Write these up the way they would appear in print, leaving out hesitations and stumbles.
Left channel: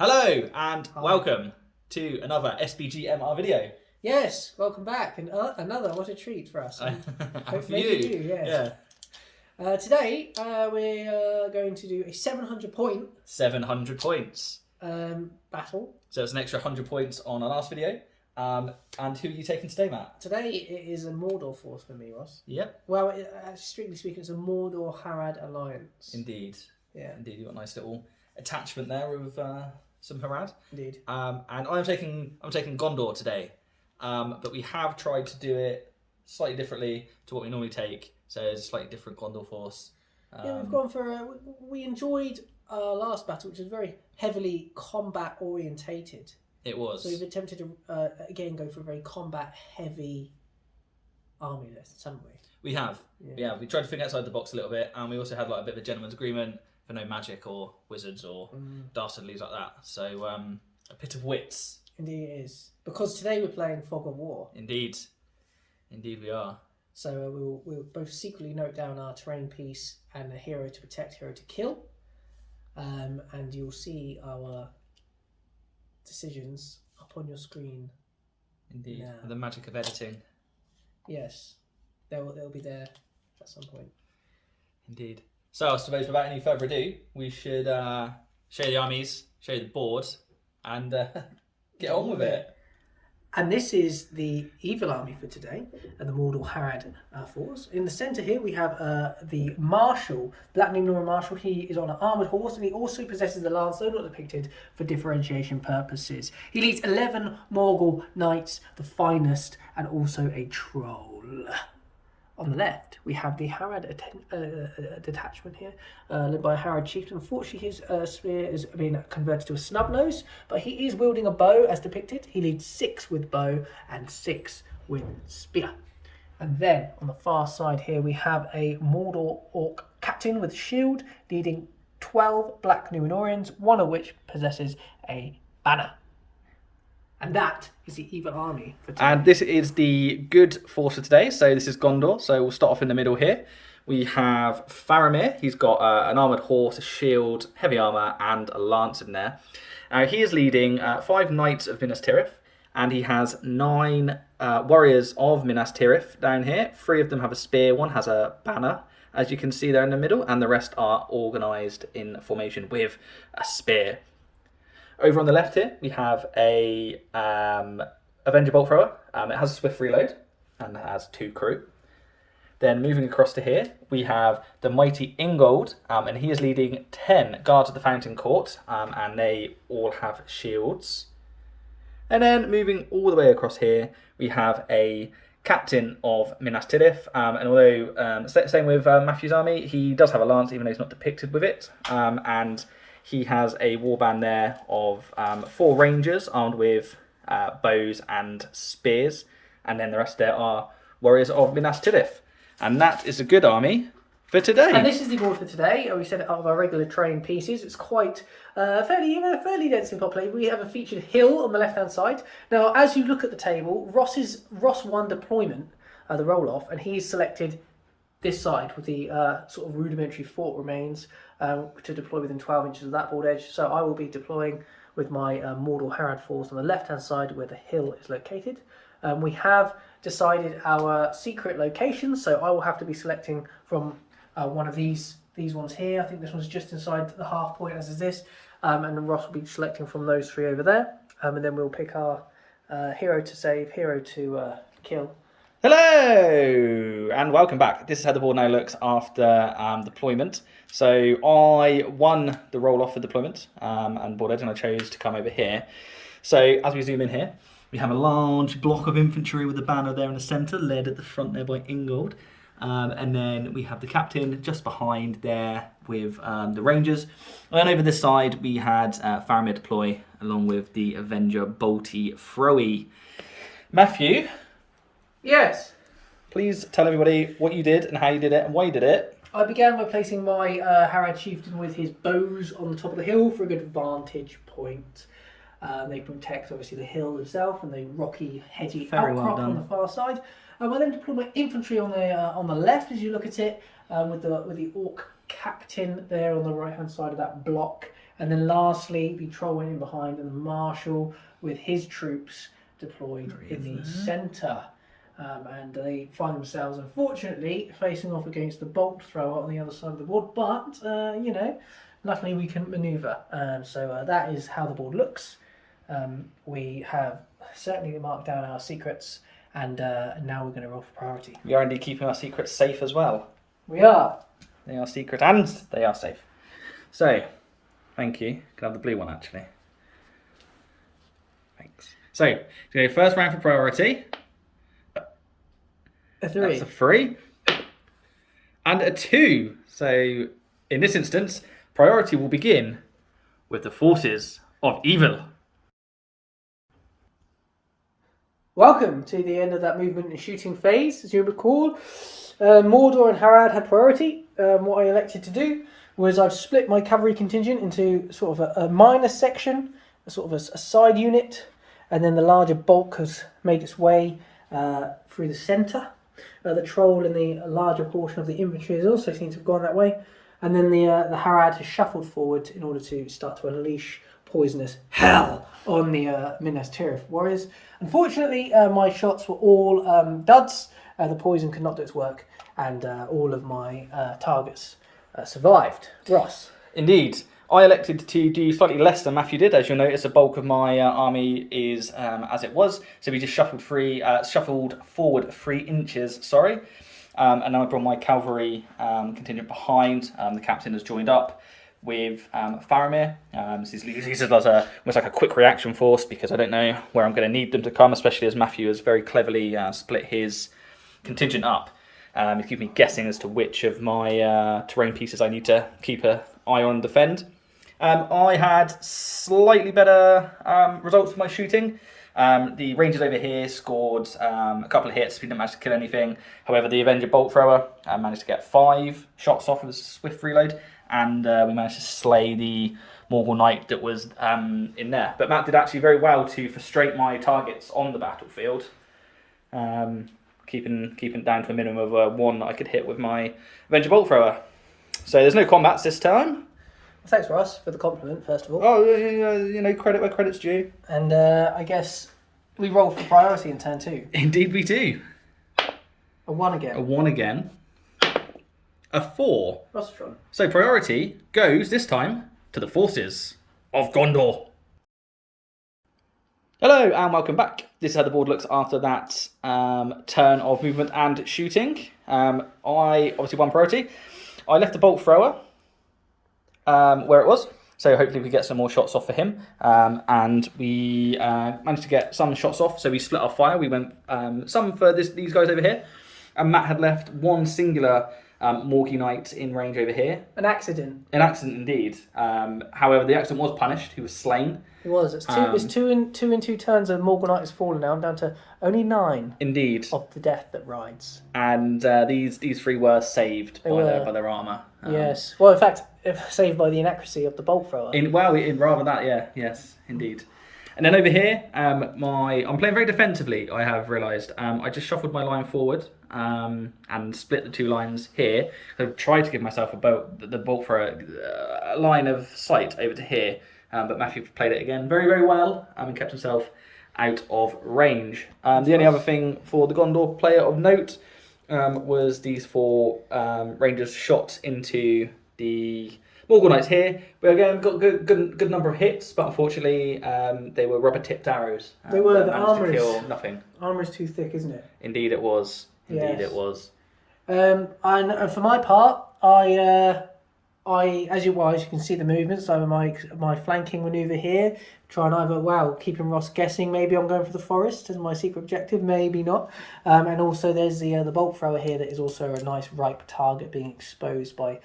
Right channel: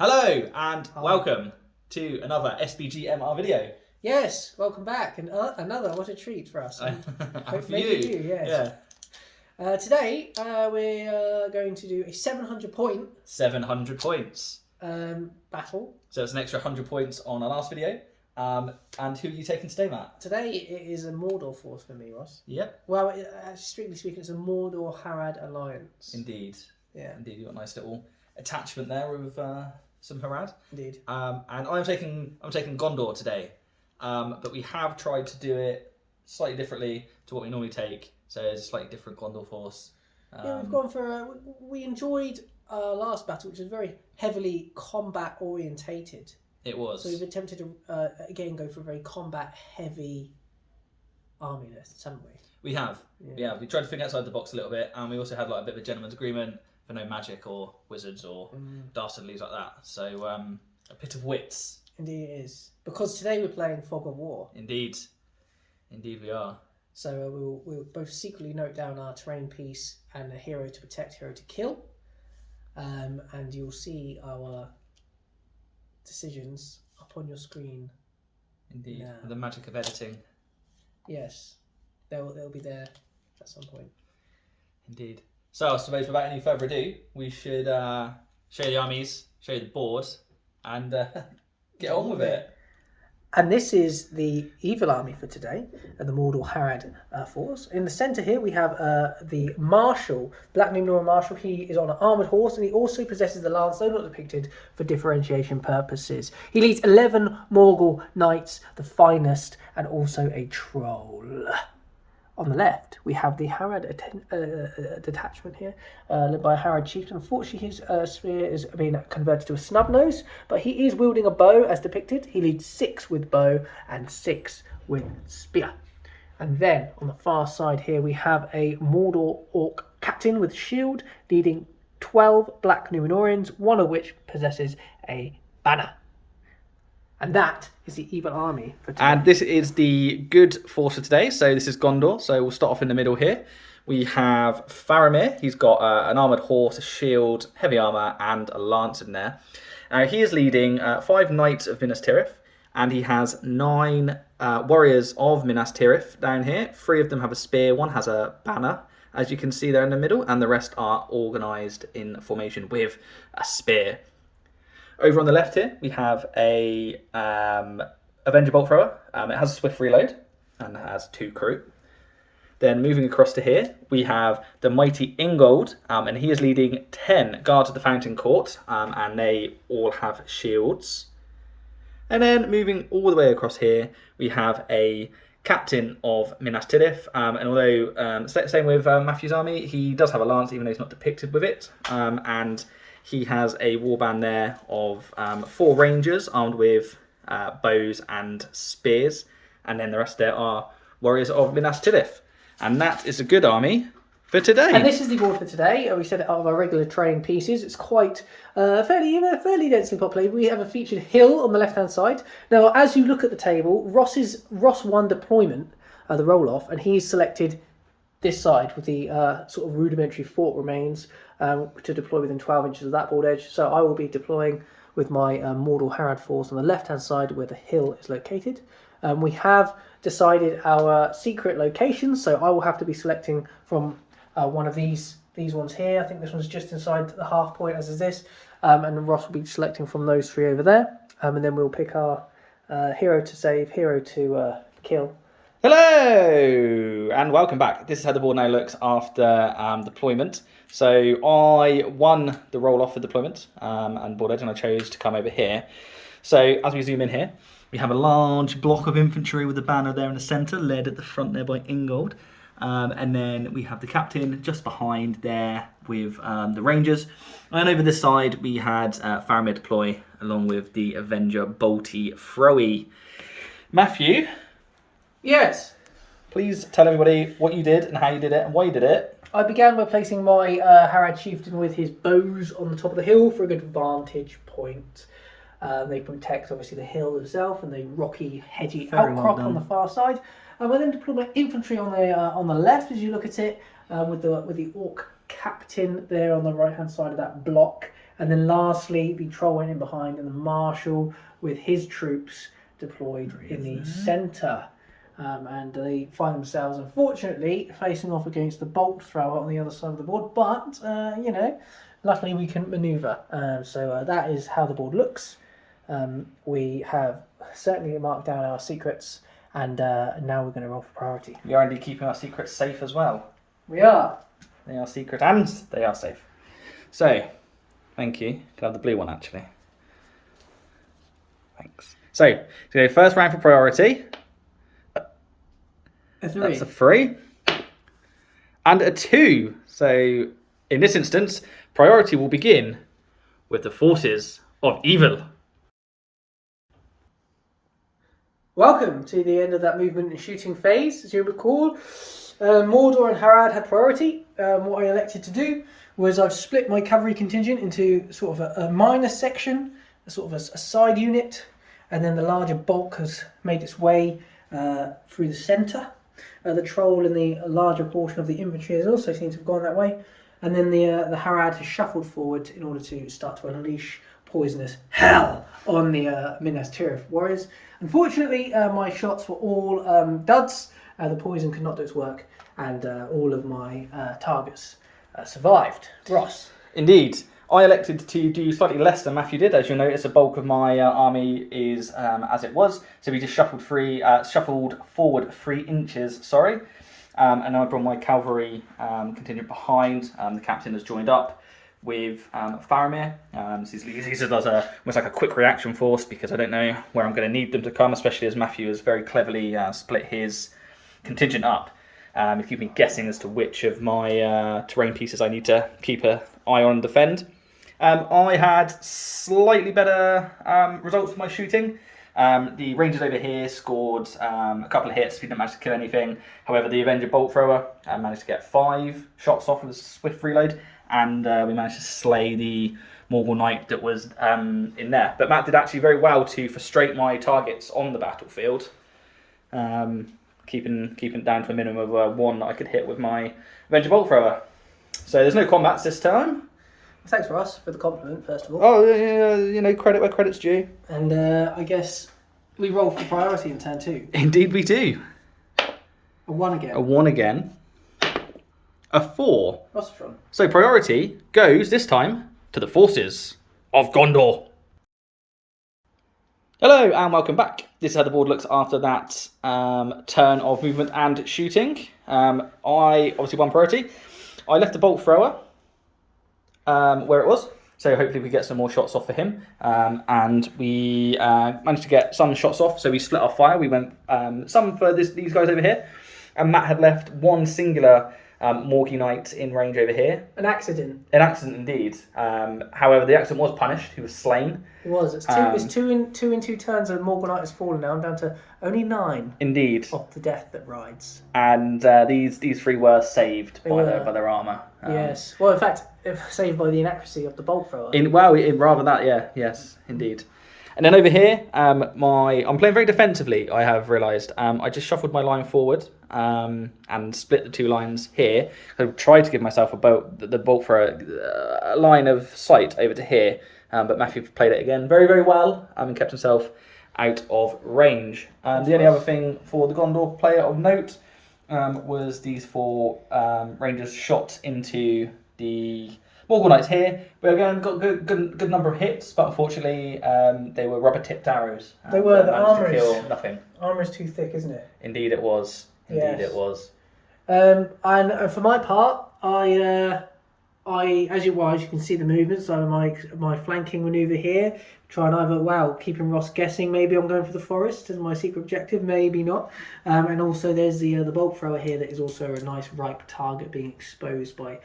Hello and Hi. welcome to another SBG MR video. Yes, welcome back. And another, what a treat for us. And for Maybe you. yes. Today we're going to do a 700 point 700 points. battle. So it's an extra 100 points on our last video. And who are you taking today, Matt? Today it is a Mordor force for me, Ross. Yep. Well, strictly speaking, it's a Mordor Harad alliance. Indeed. Yeah. Indeed, you've got a nice little attachment there with some Harad. Indeed. And I'm taking Gondor today. But we have tried to do it slightly differently to what we normally take. So it's a slightly different Gondor force. Yeah, we've gone for. We enjoyed our last battle, which was very heavily combat orientated. It was. So we've attempted to again go for a very combat heavy army list, haven't we? We have. Yeah, we tried to think outside the box a little bit, and we also had like a bit of a gentleman's agreement for no magic or wizards or dastardlies like that. So a bit of wits. Indeed it is. Because today we're playing Fog of War. Indeed. Indeed we are. So we'll both secretly note down our terrain piece and a hero to protect, hero to kill. And you'll see our decisions up on your screen. Indeed. Now. The magic of editing. Yes. They'll be there at some point. Indeed. So I suppose without any further ado, we should show you the armies, show you the board, and get on with it. And this is the evil army for today, the Mordor Harad force. In the centre here we have the Marshal, Black Numenor Marshal. He is on an armoured horse and he also possesses the lance, though not depicted for differentiation purposes. He leads 11 Morgul knights, the finest, and also a troll. On the left, we have the Harad detachment here, led by a Harad chieftain. Unfortunately, his spear is being converted to a snub nose, but he is wielding a bow as depicted. He leads 6 with bow and 6 with spear. And then on the far side here, we have a Mordor orc captain with shield, leading 12 Black Numenorians, one of which possesses a banner. And that is the evil army for today. And this is the good force for today. So this is Gondor. So we'll start off in the middle here. We have Faramir. He's got an armoured horse, a shield, heavy armour, and a lance in there. He is leading 5 knights of Minas Tirith. And he has 9 warriors of Minas Tirith down here. 3 of them have a spear. 1 has a banner, as you can see there in the middle. And the rest are organised in formation with a spear. Over on the left here, we have a Avenger Bolt Thrower. It has a swift reload and has 2 crew. Then moving across to here, we have the mighty Ingold, and he is leading 10 guards of the Fountain Court, and they all have shields. And then moving all the way across here, we have a captain of Minas Tirith, and although same with Matthew's army, he does have a lance, even though he's not depicted with it, and he has a warband there of 4 rangers armed with bows and spears. And then the rest there are warriors of Minas Tirith. And that is a good army for today. And this is the board for today. We said out of our regular terrain pieces. It's quite fairly densely populated. We have a featured hill on the left-hand side. Now, as you look at the table, Ross won deployment, the roll-off, and he's selected this side with the sort of rudimentary fort remains to deploy within 12 inches of that board edge. So I will be deploying with my Mordor Harad force on the left-hand side where the hill is located. We have decided our secret locations, so I will have to be selecting from one of these ones here. I think this one's just inside the half point, as is this. And Ross will be selecting from those 3 over there. And then we'll pick our hero to save, hero to kill. Hello and welcome back. This is how the board now looks after deployment. So I won the roll-off for deployment and board edge, and I chose to come over here. So as we zoom in here, we have a large block of infantry with a banner there in the centre, led at the front there by Ingold. And then we have the captain just behind there with the rangers. And over this side we had Faramir deploy along with the Avenger Bolty Throwy. Matthew? Yes. Please tell everybody what you did and how you did it and why you did it. I began by placing my Harad chieftain with his bows on the top of the hill for a good vantage point. They protect obviously the hill itself and the rocky, hedgy outcrop on the far side. I then deploy my infantry on the left as you look at it, with the orc captain there on the right-hand side of that block. And then lastly, the troll went in behind, and the marshal with his troops deployed in the centre. And they find themselves, unfortunately, facing off against the bolt thrower on the other side of the board. But, luckily we couldn't manoeuvre. So that is how the board looks. We have certainly marked down our secrets, and now we're going to roll for priority. We are indeed keeping our secrets safe as well. We are. They are secret and they are safe. So, thank you. Can I have the blue one, actually? Thanks. So first round for priority. A 3. That's a 3. And a 2. So, in this instance, priority will begin with the forces of evil. Welcome to the end of that movement and shooting phase. As you recall, Mordor and Harad had priority. What I elected to do was I've split my cavalry contingent into sort of a minor section, a sort of a side unit, and then the larger bulk has made its way through the centre. The troll and the larger portion of the infantry has also seemed to have gone that way. And then the Harad has shuffled forward in order to start to unleash poisonous hell on the Minas Tirith warriors. Unfortunately, my shots were all duds. The poison could not do its work, and all of my targets survived. Ross. Indeed. I elected to do slightly less than Matthew did. As you'll notice, the bulk of my army is as it was. So we just shuffled forward 3 inches, and then I brought my cavalry contingent behind. The captain has joined up with Faramir. These are almost like a quick reaction force, because I don't know where I'm going to need them to come, especially as Matthew has very cleverly split his contingent up. It's keeping me guessing as to which of my terrain pieces I need to keep an eye on and defend. I had slightly better results with my shooting. The Rangers over here scored a couple of hits. We didn't manage to kill anything. However, the Avenger Bolt Thrower managed to get 5 shots off with a swift reload, and we managed to slay the Morgul Knight that was in there. But Matt did actually very well to frustrate my targets on the battlefield, keeping it down to a minimum of 1 that I could hit with my Avenger Bolt Thrower. So there's no combats this time. Thanks, Ross, for the compliment, first of all. Oh, credit where credit's due. And I guess we roll for priority in turn 2. Indeed we do. A 1 again. A 1 again. A 4. Rostron. So priority goes, this time, to the forces of Gondor. Hello and welcome back. This is how the board looks after that turn of movement and shooting. I obviously won priority. I left the Bolt Thrower where it was, so hopefully we get some more shots off for him, and we managed to get some shots off, so we split our fire. We went some for these guys over here, and Matt had left 1 singular Morgul Knight in range over here. An accident. An accident indeed. However, the accident was punished. He was slain. It was. It's two in two turns, and Morgul Knight has fallen now. I'm down to only 9. Indeed. Of the death that rides. And these 3 were saved by their armour. Yes. Well, in fact, saved by the inaccuracy of the bolt thrower. Rather that, yeah, yes, indeed. And then over here, I'm playing very defensively. I have realised. I just shuffled my line forward and split the 2 lines here. I've tried to give myself the bolt for a line of sight over to here, but Matthew played it again very, very well and kept himself out of range. The only other thing for the Gondor player of note was these 4 Rangers shot into the Morgul Knights here. We again got good number of hits, but unfortunately they were rubber-tipped arrows. They were. The armour to kill nothing. Armour's too thick, isn't it? Indeed it was. It was. And for my part, I as you can see the movements. So my flanking manoeuvre here, try and either keeping Ross guessing. Maybe I'm going for the forest as my secret objective. Maybe not. And also there's the bolt thrower here that is also a nice ripe target being exposed by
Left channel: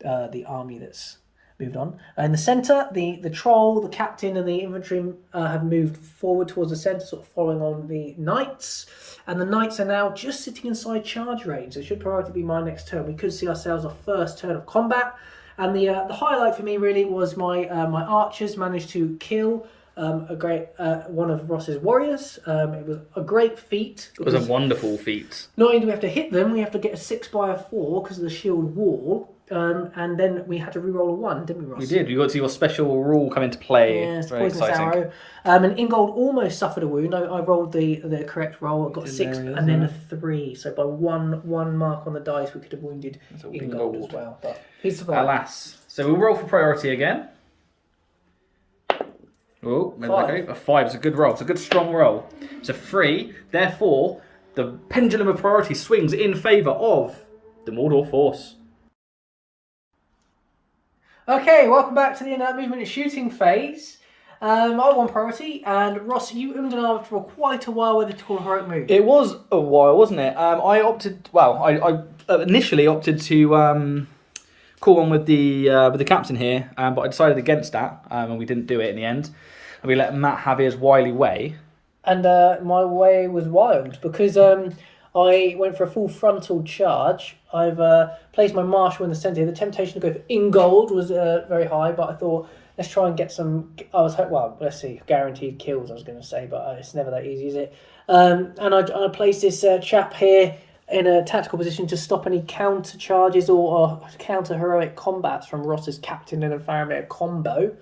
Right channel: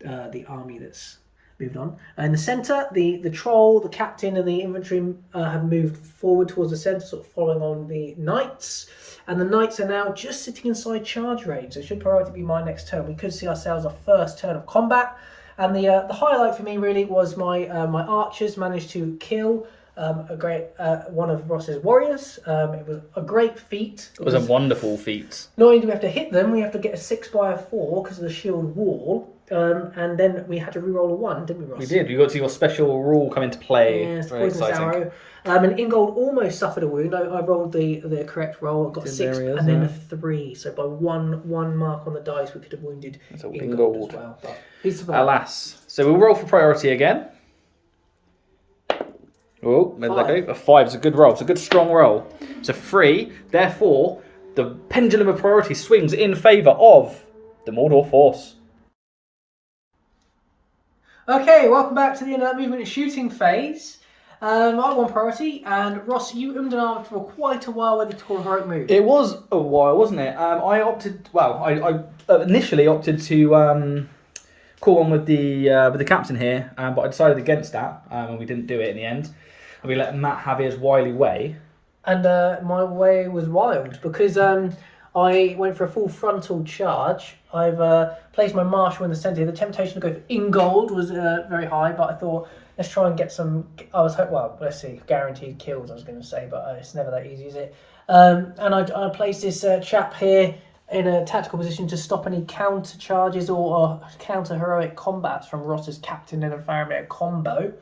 the army that's moved on. In the centre, the troll, the captain, and the infantry have moved forward towards the centre, sort of following on the knights. And the knights are now just sitting inside charge range. So it should priority be my next turn. We could see ourselves our first turn of combat. And the highlight for me really was my archers managed to kill a great one of Ross's warriors. It was a great feat. It was a wonderful feat. Not only do we have to hit them, we have to get a 6x4 because of the shield wall. And then we had to re-roll a 1, didn't we, Ross? We did. We got to see your special rule come into play. Yes, Very poisonous exciting. arrow. And Ingold almost suffered a wound. I rolled the correct roll. I got a 6 and then a 3. So by one mark on the dice, we could have wounded Ingold as well. But he survived. Alas. So we'll roll for priority again. Oh, where did that go? A 5 is a good roll. It's a good strong roll. It's a 3. Therefore, the pendulum of priority swings in favour of the Mordor force. Okay, welcome back to the end of that movement and shooting phase. I won priority, and Ross, you and ahhed for quite a while with the call heroic move. It was a while, wasn't it? I initially opted to call one with the captain here, but I decided against that, and we didn't do it in the end. And we let Matt have his wily way. And my way was wild because I went for a full frontal charge. I've placed my marshal in the centre. The temptation to go for Ingold was very high, but I thought, let's try and get some... let's see, guaranteed kills, I was going to say, but it's never that easy, is it? And I placed this chap here in a tactical position to stop any counter charges or counter heroic combats from Ross's captain and a Faramir combo.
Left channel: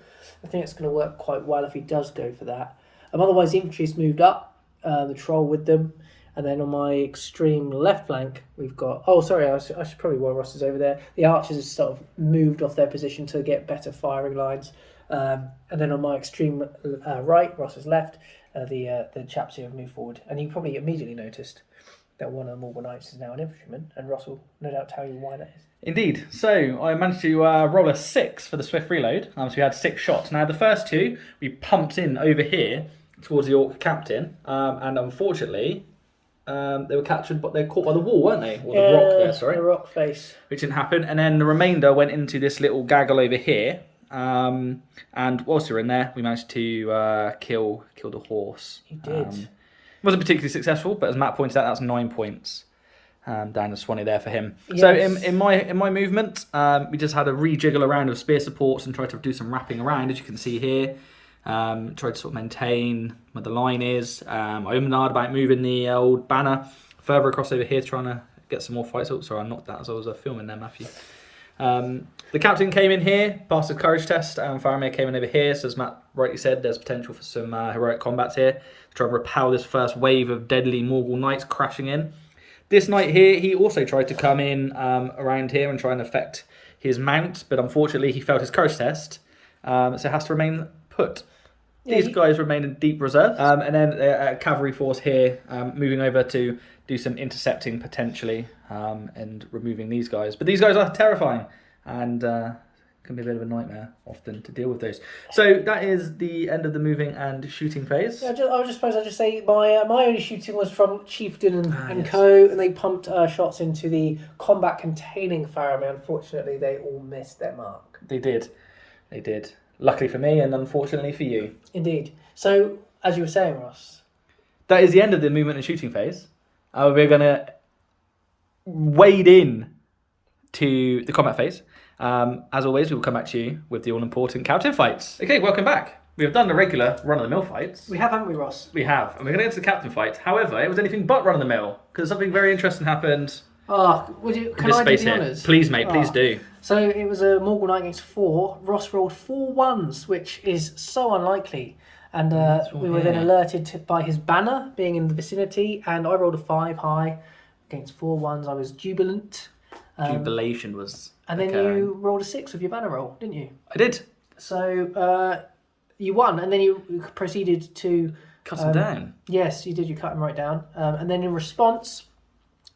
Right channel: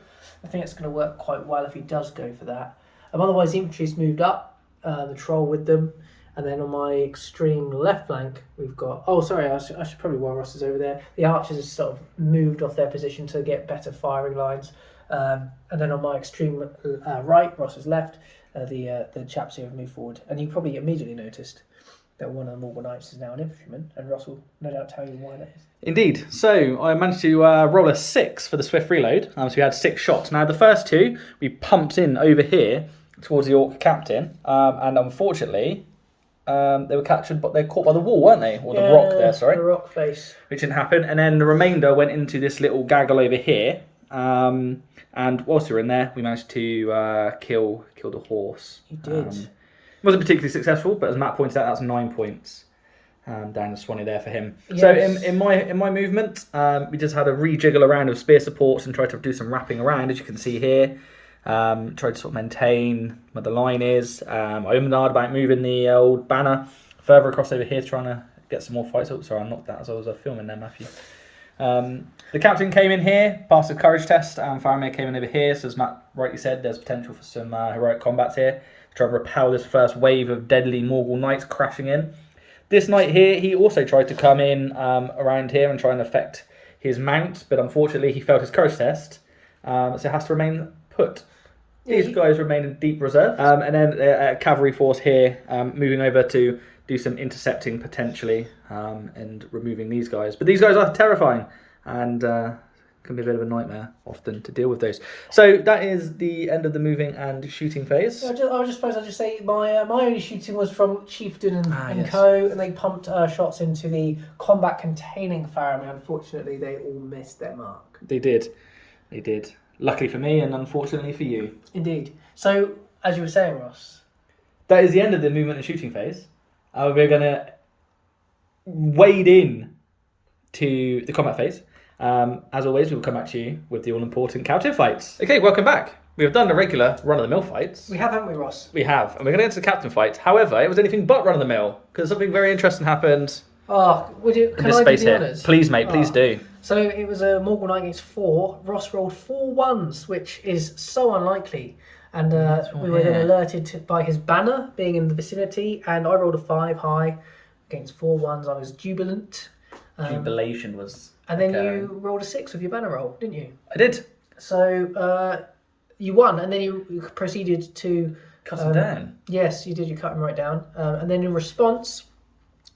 I think it's going to work quite well if he does go for that. Otherwise, the infantry's moved up, the troll with them. And then on my extreme left flank, we've got... Oh, sorry, I should probably while Ross is over there. The archers have sort of moved off their position to get better firing lines. And then on my extreme right, Ross's left, the chaps here have moved forward. And you probably immediately noticed that one of the Morgul Knights is now an infantryman. And Ross will no doubt tell you why that is. Indeed. So I managed to roll a 6 for the swift reload. So we had 6 shots. Now the first 2, we pumped in over here towards the Orc captain. And unfortunately... they were captured, but they're caught by the wall, weren't they? Or the rock there, sorry. The rock face. Which didn't happen. And then the remainder went into this little gaggle over here. And whilst we were in there, we managed to kill the horse. You did. Wasn't particularly successful, but as Matt pointed out, that's 9 points down the Swanee there for him. Yes. So in my movement, we just had a rejiggle around of spear supports and tried to do some wrapping around, as you can see here. Tried to sort of maintain where the line is. I ummed about moving the old banner further across over here, trying to get some more fights. Oh, sorry, I knocked that as I was filming there, Matthew. The captain came in here, passed the courage test, and Faramir came in over here. So as Matt rightly said, there's potential for some heroic combats here. Try to repel this first wave of deadly Morgul knights crashing in. This knight here, he also tried to come in around here and try and affect his mount, but unfortunately he failed his courage test, so has to remain put. These guys remain in deep reserve. And then a cavalry force here moving over to do some intercepting potentially and removing these guys. But these guys are terrifying and can be a bit of a nightmare often to deal with those. So that is the end of the moving and shooting phase. I just say my only shooting was from Chieftain and yes. Co. And they pumped shots into the combat containing Faramir. Unfortunately, they all missed their mark. They did. Luckily for me and unfortunately for you. Indeed. So, as you were saying, Ross. That is the end of the movement and shooting phase. We're going to wade in to the combat phase. As always, we will come back to you with the all-important captain fights. Okay, welcome back. We have done the regular run-of-the-mill fights. We have, haven't we, Ross? We have. And we're going to get to the captain fight. However, it was anything but run-of-the-mill because something very interesting happened. Oh, can I space do the here. honours? Please, mate, please do. So it was a Morgul Knight against 4. Ross rolled 4 1s, which is so unlikely. And we were then alerted by his banner being in the vicinity, and I rolled a 5 high against 4 1s. I was jubilant. Jubilation was... And then you rolled a 6 with your banner roll, didn't you? I did. So you won, and then you proceeded to... Cut him down. Yes, you did. You cut him right down. And then in response,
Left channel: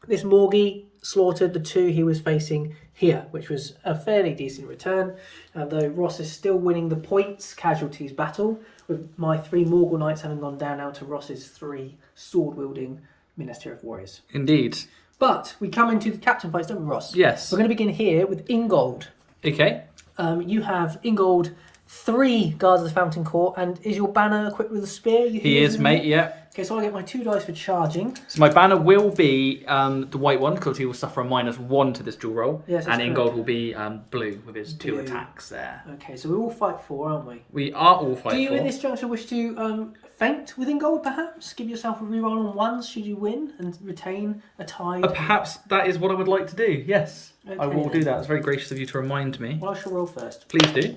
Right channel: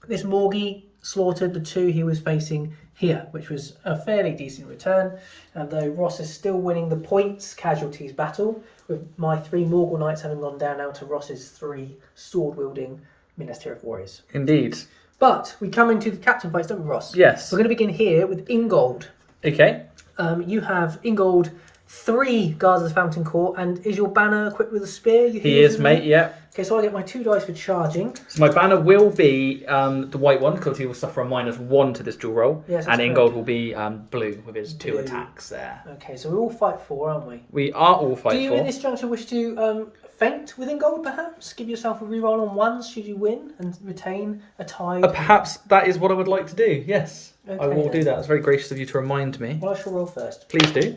this Morgie slaughtered the 2 he was facing here, which was a fairly decent return. Though Ross is still winning the points casualties battle, with my 3 Morgul Knights having gone down now to Ross's 3 sword-wielding Minas Tirith warriors. Indeed. But we come into the captain fights, don't we, Ross? Yes. We're going to begin here with Ingold. Okay. You have Ingold 3 guards of the Fountain Court, and is your banner equipped with a spear? He is, mate, yeah. Okay, so I get my 2 dice for charging. So my banner will be the white one, because he will suffer a -1 to this dual roll. Yes, and correct. Ingold will be blue with his 2 attacks there. Okay, so we all fight 4, aren't we? We are all fight 4. Do you at this juncture wish to feint with Ingold, perhaps? Give yourself a reroll on 1s should you win and retain a tie? Perhaps that is what I would like to do, yes. Okay, I will then. do that. It's very gracious of you to remind me. Well, I shall roll first. Please do.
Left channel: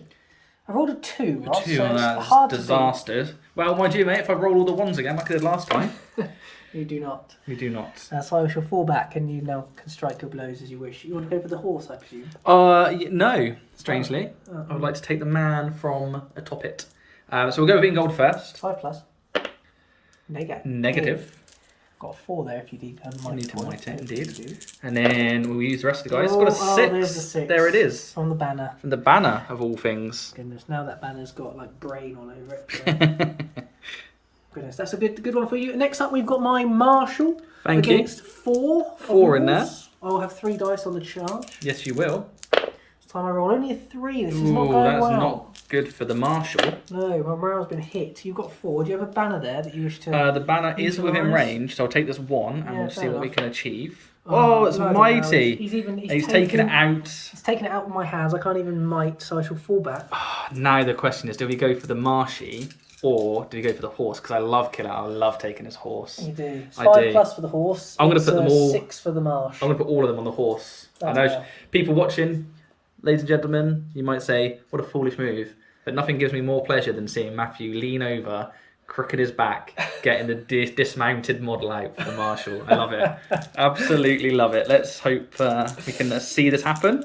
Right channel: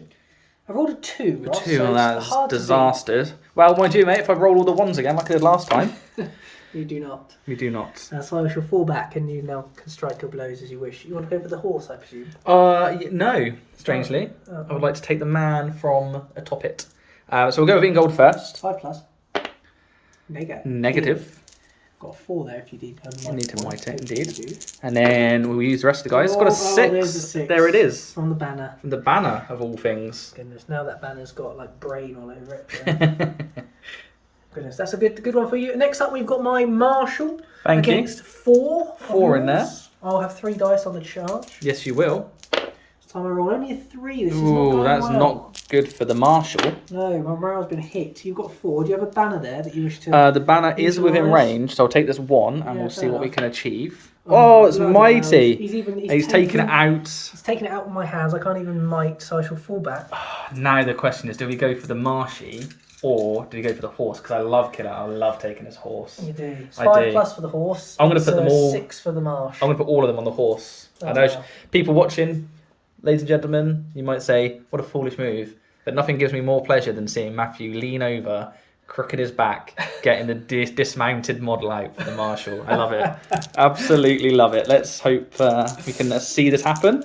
I've rolled a 2, Ross, 2, so it's that's hard to disaster. Well, mind you, mate, if I roll all the 1s again like I did last time. beat. You do not. We do not. That's why I shall fall back and you now can strike your blows as you wish. You want to go for the horse, I presume? No, strangely. I would like to take the man from atop it. So we'll go with Ingold first. 5 plus. Negative. Got a 4 there if you need You need to might it, You indeed. do. And then we'll use the rest of the guys. It's got a 6. there's a 6. There it is. On the banner. From the banner of all things. Goodness, now that banner's got like brain all over it. Goodness, that's a good one for you. Next up, we've got my marshal. Thank you. Against 4. 4 in there. I'll have 3 dice on the charge. Yes, you will. This time I roll only a 3. This is not Ooh, going that's well. not good for the marshal. No, my morale's been hit. You've got 4. Do you have a banner there that you wish to... The banner is within utilise? range, so I'll take this 1 and Yeah, we'll fair see what we enough. can achieve. Oh, it's bloody mighty. hell. He's taken it out. He's taken it out of my hands. I can't even might, so I shall fall back. Now the question is, do we go for the marshy or do we go for the horse? Because I love Killer. I love taking his horse. You do. It's I 5 do. plus for the horse. I'm gonna It's, put them all- 6 for the marsh. I'm going to put all of them on the horse. I know Okay. people watching, ladies and gentlemen, you might say, what a foolish move. But nothing gives me more pleasure than seeing Matthew lean over, crooked his back, getting the dismounted model out for the marshal. I love it. Absolutely love it. Let's hope we can see this happen.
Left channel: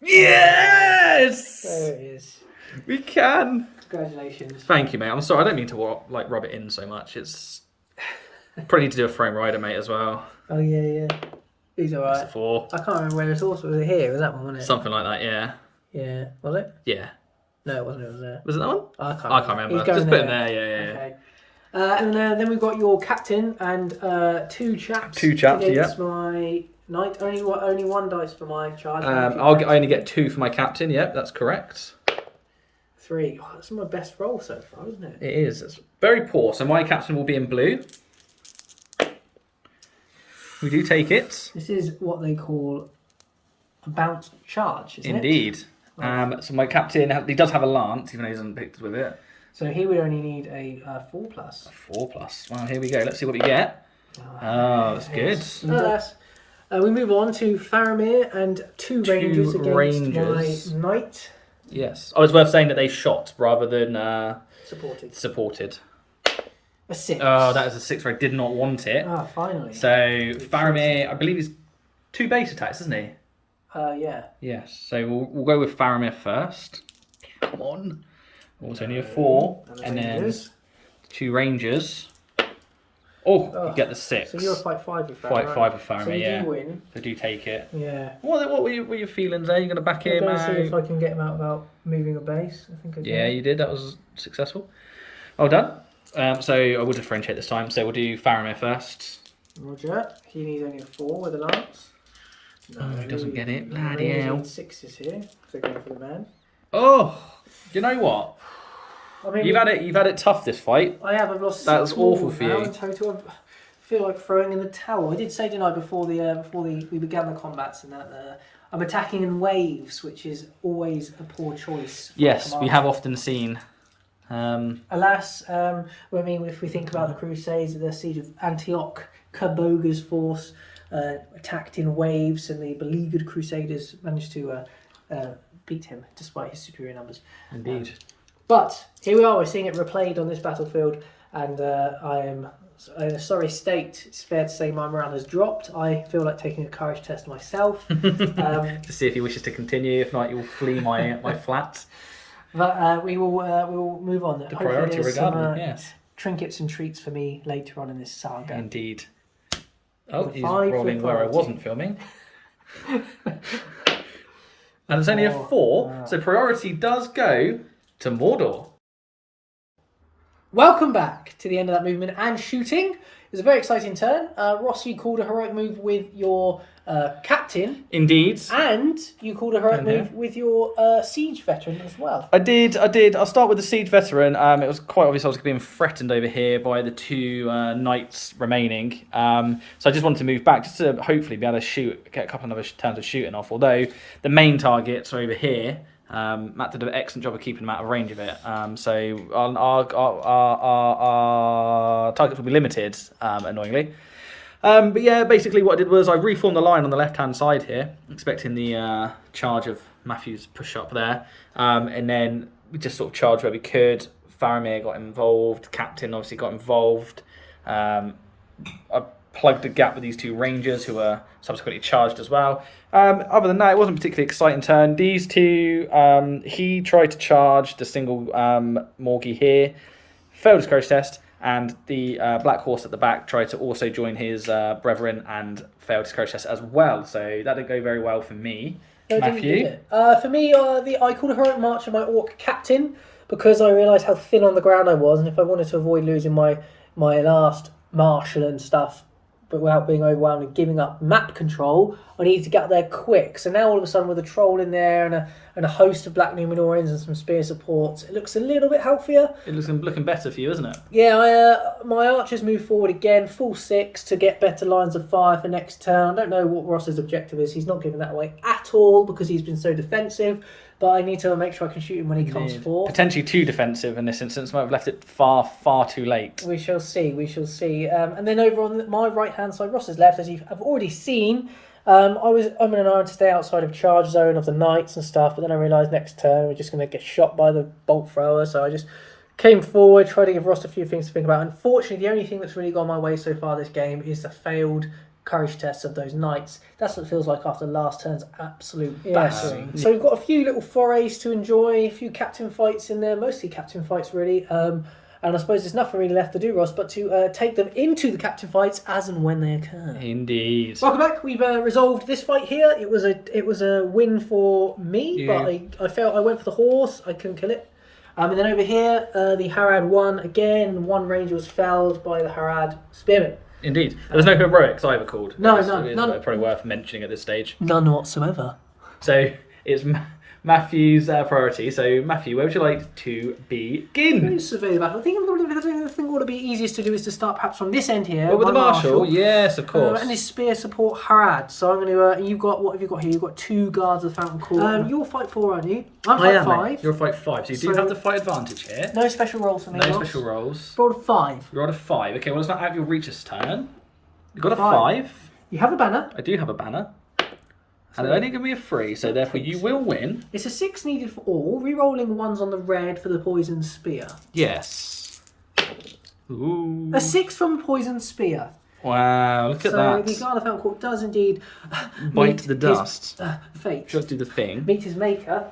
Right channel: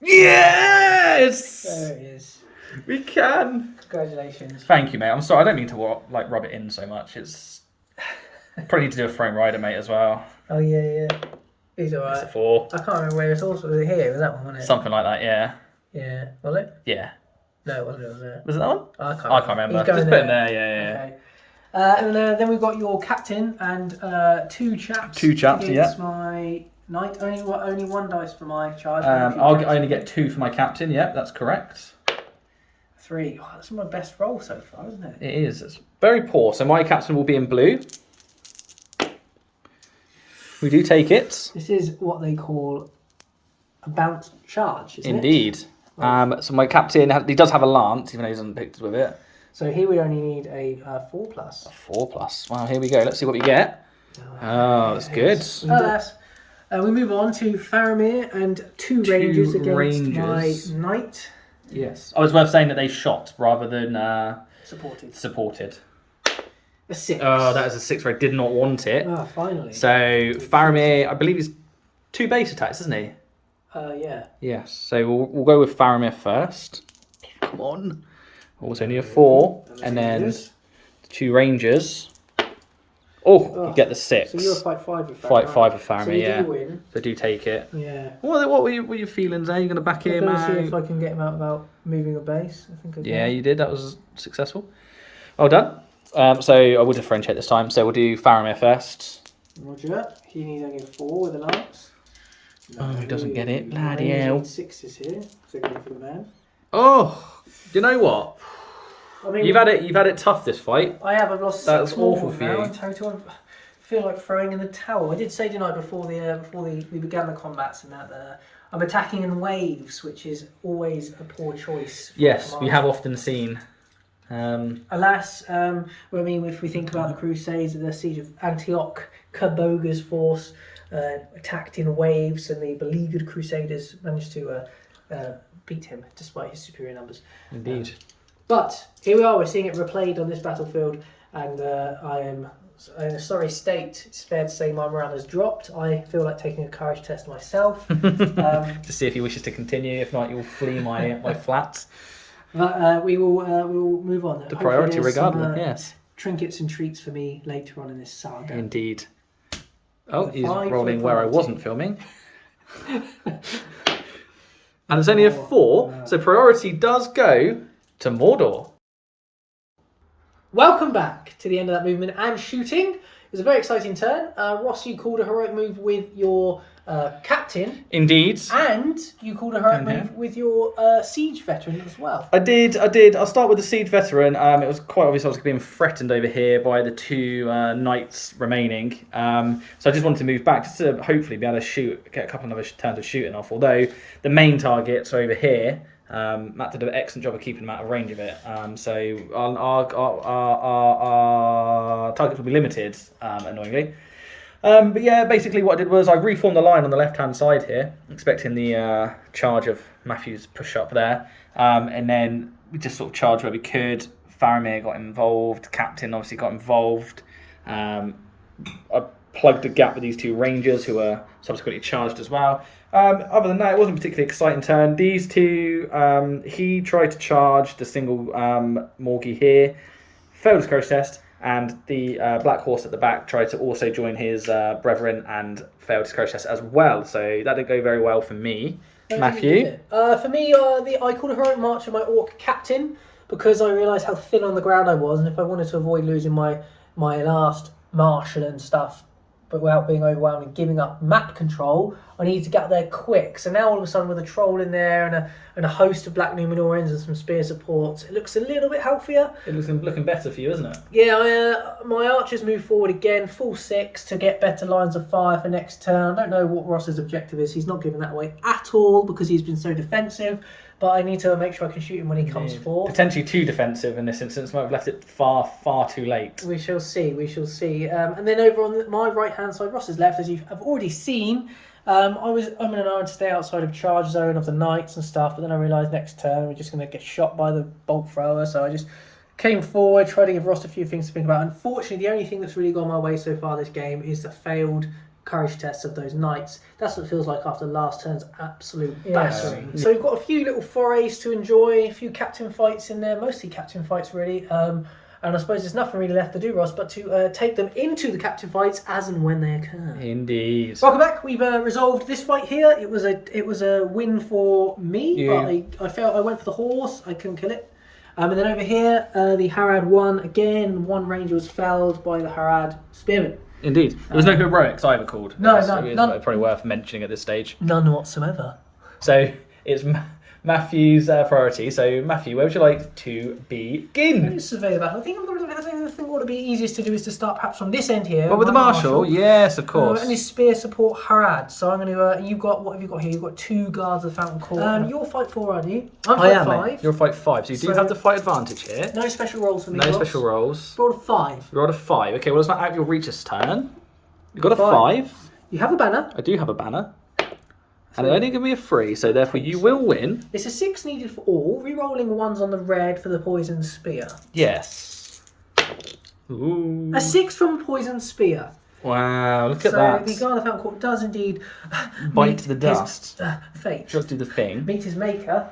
Yes! There it is. We can. Congratulations. Thank you, mate. I'm sorry. I don't mean to rub it in so much. It's probably need to do a frame rider, mate, as well. Oh, yeah. He's It's a alright. 4. I can't remember where his horse was. Was it here? Was that one, wasn't it? Something like that, yeah. Yeah. Was it? Yeah. No, it wasn't. It was there. Was it that one? I can't I can't remember. He's going Just put it there, yeah. Okay. And then we've got your captain and 2 chaps. 2 chaps, against my knight. Only 1 dice for my charge. I only get 2 for my captain. Yep, that's correct. 3. Oh, that's my best roll so far, isn't it? It is. It's very poor. So my captain will be in blue. We do take it. This is what they call a bounced charge, isn't it? Indeed. So my captain, he does have a lance, even though he hasn't picked with it. So he would only need a 4 plus. 4 plus. Wow, here we go. Let's see what we get. Oh, that's good. Nonetheless, we move on to Faramir and 2 rangers against rangers. my knight. Yes. Oh, it's worth saying that they shot rather than Supported. A 6. Oh, that is a 6 where I did not want it. Finally. So Faramir, I believe he's 2 base attacks, isn't he? Yeah. Yes. So we'll go with Faramir first. Come on. Also only a 4, and then 2 rangers. Oh, you get the 6. So you're a fight 5 with Faramir. Fight 5 with Faramir, so you yeah. do win. So do take it. Yeah. What were your feelings there? You going to back him I'm going to see if out? I can get him out without moving a base. I think Yeah, you did. That was successful. Well done. So I will differentiate this time. So we'll do Faramir first. Roger. He needs only a 4 with a lance. Oh, he doesn't get it. No, Bloody he hell. needs 6s here. So going for the man. Oh, you know what? I mean, You've had it tough this fight. I have. I've lost 6 That's more awful for now you. in total. I feel like throwing in the towel. I did say tonight before we began the combats and that I'm attacking in waves, which is always a poor choice. Yes, we have often seen. Alas, if we think about the Crusades, the siege of Antioch, Kaboga's force attacked in waves, and the beleaguered Crusaders managed to beat him despite his superior numbers. Indeed. But here we are, we're seeing it replayed on this battlefield, and I am in a sorry state. It's fair to say my morale has dropped. I feel like taking a courage test myself. To see if he wishes to continue. If not, you'll flee my flat. But we will move on. The priority regardless, yes. Trinkets and treats for me later on in this saga. Indeed. Oh, he's 5 rolling for where I priority. wasn't filming. And it's only a 4, so priority does go to Mordor. Welcome back to the end of that movement and shooting. It was a very exciting turn. Ross, you called a heroic move with your captain. Indeed. And you called a heroic move with your siege veteran as well. I did. I'll start with the siege veteran. It was quite obvious I was being threatened over here by the two knights remaining. So I just wanted to move back just to hopefully be able to get a couple of turns of shooting off. Although the main targets are over here. Matt did an excellent job of keeping them out of range of it. So our targets will be limited, annoyingly. But yeah, basically what I did was I reformed the line on the left-hand side here, expecting the charge of Matthew's push up there. And then we just sort of charged where we could. Faramir got involved. Captain obviously got involved. I plugged a gap with these two rangers who were subsequently charged as well. Other than that, it wasn't a particularly exciting turn. These two, he tried to charge the single Morgie here, failed his courage test. And the Black Horse at the back tried to also join his brethren and failed his courage test as well. So that didn't go very well for me. Matthew? For me, I called a heroic march of my orc captain because I realised how thin on the ground I was, and if I wanted to avoid losing my last marshal and stuff, but without being overwhelmed and giving up map control, I needed to get there quick. So now all of a sudden with a troll in there and a host of Black Numenorians and some spear supports, it looks a little bit healthier. It looks looking better for you, isn't it? Yeah, my archers move forward again, full 6 to get better lines of fire for next turn. I don't know what Ross's objective is. He's not giving that away at all because he's been so defensive. But I need to make sure I can shoot him when he comes forward. Potentially too defensive in this instance. Might have left it far too late. We shall see. And then over on my right-hand side, Ross's left, as I've already seen, I'm in an iron to stay outside of charge zone of the knights and stuff. But then I realised next turn we're just going to get shot by the bolt thrower. So I just came forward, tried to give Ross a few things to think about. Unfortunately, the only thing that's really gone my way so far this game is the failed courage tests of those knights. That's what it feels like after last turn's absolute battering. So we've got a few little forays to enjoy, a few captain fights in there, mostly captain fights really. And I suppose there's nothing really left to do, Ross, but to take them into the captain fights as and when they occur. Indeed. Welcome back. We've resolved this fight here. It was a win for me, but I went for the horse. I couldn't kill it. And then over here, the Harad won again. One ranger was felled by the Harad spearman. Indeed. There was no heroics either called. No, It's none. probably worth mentioning at this stage. None whatsoever. So it's Matthew's priority. So Matthew, where would you like to begin? Survey the battle. I think what would be easiest to do is to start perhaps from this end here. Well, with the marshal, yes, of course. And his spear support Harad. So I'm going to. You've got what have you got here? You've got 2 guards of the Fountain Court. You're fight 4, aren't you? I am. 5. You're fight 5. So you do have the fight advantage here. No special rolls for me. No special rolls. Rolled a 5. You rolled a 5. Okay, well it's not out of your reach this turn. You got a 5. You have a banner. I do have a banner. And it only give me a 3, so therefore you will win. It's a 6 needed for all. Re-rolling 1s on the red for the poison spear. Yes. Ooh. A 6 from poison spear. Wow, look at that. The guard of the Fountain Court does indeed bite the dust. Fate. Just do the thing. Meet his maker.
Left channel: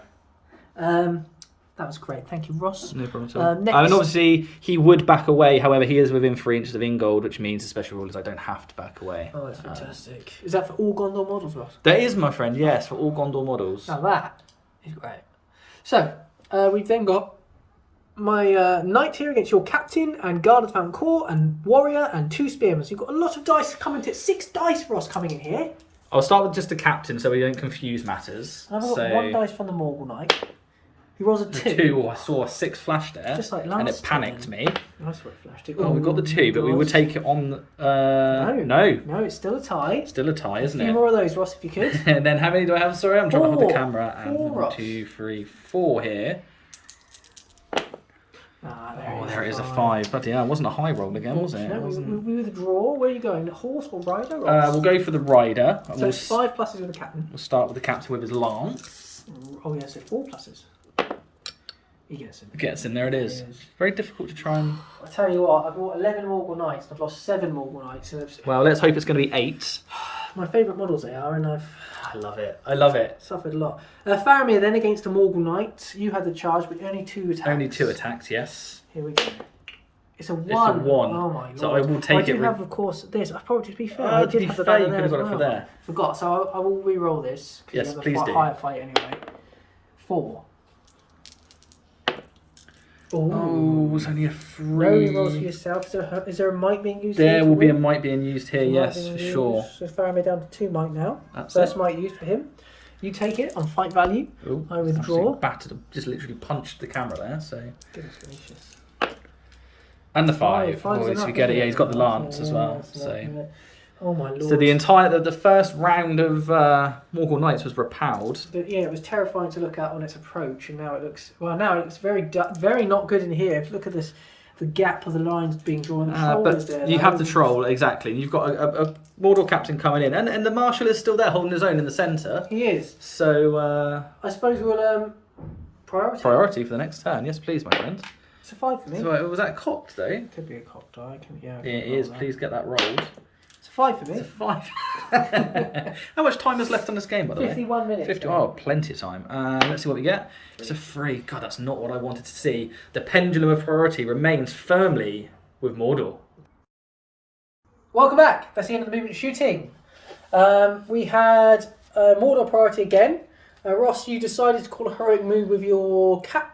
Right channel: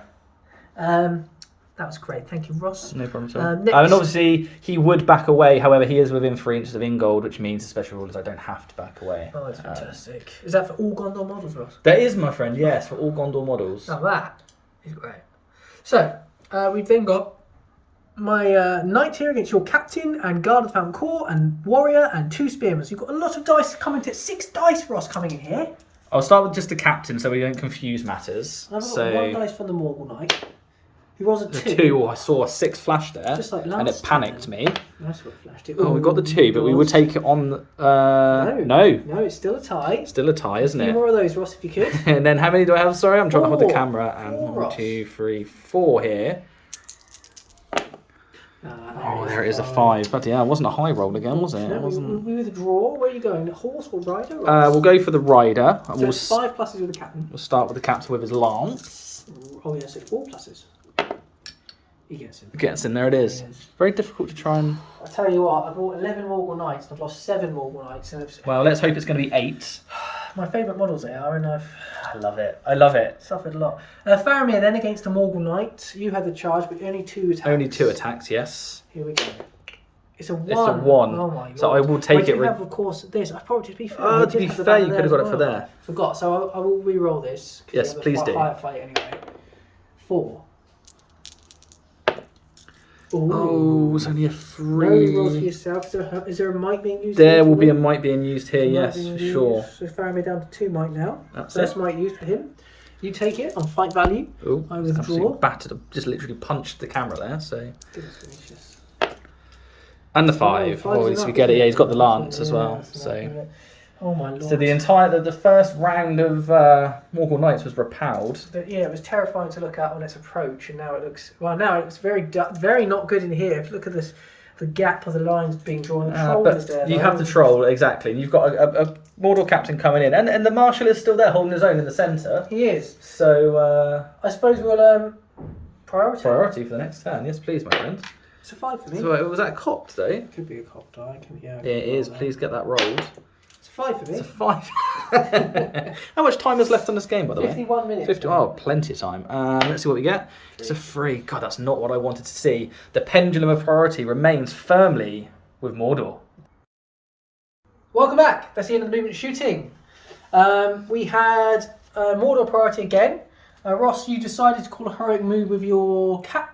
That was great. Thank you, Ross. No problem at all. And obviously, he would back away. However, he is within 3 inches of Ingold, which means the special rule is I don't have to back away. Oh, that's fantastic. Is that for all Gondor models, Ross? That is, my friend, yes, for all Gondor models. Now that is great. So, we've then got my knight here against your captain and guard of the Fountain Court and warrior and 2 spearmen. So you've got a lot of dice coming to 6 dice, Ross, coming in here. I'll start with just the captain so we don't confuse matters. I've got 1 dice from the Morgul Knight. He rolls a 2. 2. I saw a 6 flash there, just like and it panicked me. Nice one, flashed it. Oh, we got the 2, but we would take it on. No, it's still a tie. Still a tie, isn't it? A few more of those, Ross, if you could. And then how many do I have? Sorry, I'm trying to hold the 4. camera. And 4, 1, 2, 3, 4 here. There it is, a 5. Bloody hell, it wasn't a high roll again, was it? No, we withdraw. Where are you going? Horse or rider? We'll go for the rider. So it's 5 pluses with the captain. We'll start with the captain with his lance. Oh yeah, so 4 pluses. He gets in. Gets in, there it is. Very difficult to try and... I tell you what, I've bought 11 Morgul Knights and I've lost 7 Morgul Knights. Well, let's hope it's going to be 8. My favourite models they are, and I love it. I love it. Suffered a lot. Faramir then against the Morgul Knight. You had the charge, but only 2 attacks. Only 2 attacks, yes. Here we go. It's a 1. It's a 1. Oh my god. So I will take it. I have, of course, this. I probably, to be fair. Oh, to be fair, you could have got it for there. Forgot. So I will re-roll this. Yes, please do. Higher fight anyway. 4. Ooh. Oh, it's only a No rolls for 3. yourself. Is there a might being used? There here will to be a win? might being used here, yes, Might for being sure. used. So Faramir down to 2 might now. That's First it. might used for him. You take it on fight value. Oh, I withdraw. absolutely battered. Just literally punched the camera there, so. Goodness gracious. And the Oh, 5. five's Oh, so we enough, get it. isn't Yeah, it? he's got the Yeah, lance as well. that's enough, So. isn't it? Oh my lord. So the first round of Morgul Knights was repelled. Yeah, it was terrifying to look at on its approach, and now it looks very not good in here. If you look at this, the gap of the lines being drawn. The troll is But there, you have the troll, exactly. And you've got a Mordor captain coming in, and the marshal is still there holding his own in the centre. He is. So I suppose we'll priority for the next turn. Yes, please, my friend. It's a 5 for me. So was that cocked though? Could be a cock die. Yeah, it is. Please get that rolled. It's a 5 for me. It's a 5. How much time is left on this game, by the way? 51 minutes. 50. Oh, plenty of time. Let's see what we get. It's a 3. God, that's not what I wanted to see. The pendulum of priority remains firmly with Mordor. Welcome back. That's the end of the movement shooting. We had Mordor priority again. Ross, you decided to call a heroic move with your captain,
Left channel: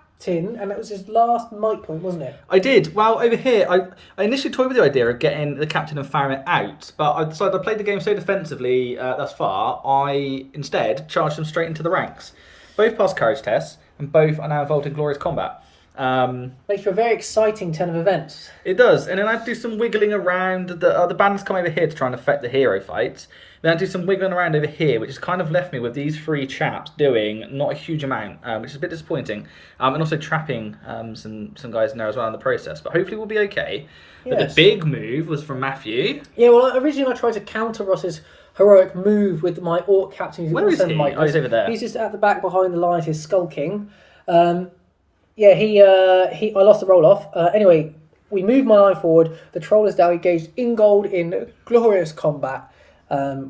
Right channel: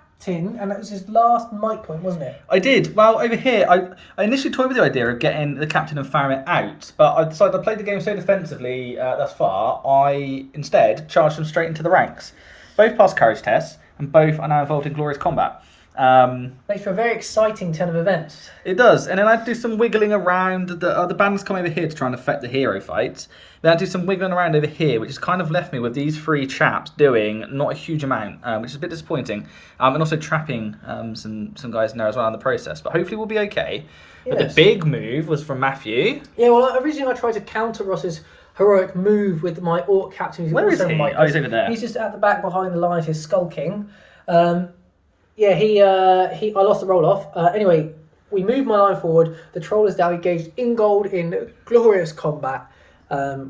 and that was his last might point, wasn't it? I did. Well, over here, I initially toyed with the idea of getting the captain and Faramir out, but I decided I played the game so defensively thus far, I instead charged them straight into the ranks. Both passed courage tests, and both are now involved in glorious combat. Makes for a very exciting 10 of events. It does, and then I do some wiggling around. The bandits come over here to try and affect the hero fights. Then I do some wiggling around over here, which has kind of left me with these 3 chaps doing not a huge amount, which is a bit disappointing. And also trapping some guys in there as well in the process. But hopefully we'll be okay. But the big move was from Matthew. Yeah, well, originally I tried to counter Ross's heroic move with my orc captain. Where is he? Oh, he's over there. He's just at the back behind the lines. He's skulking. Yeah, I lost the roll off. Anyway, we moved my line forward. The troll is now engaged in gold in glorious combat.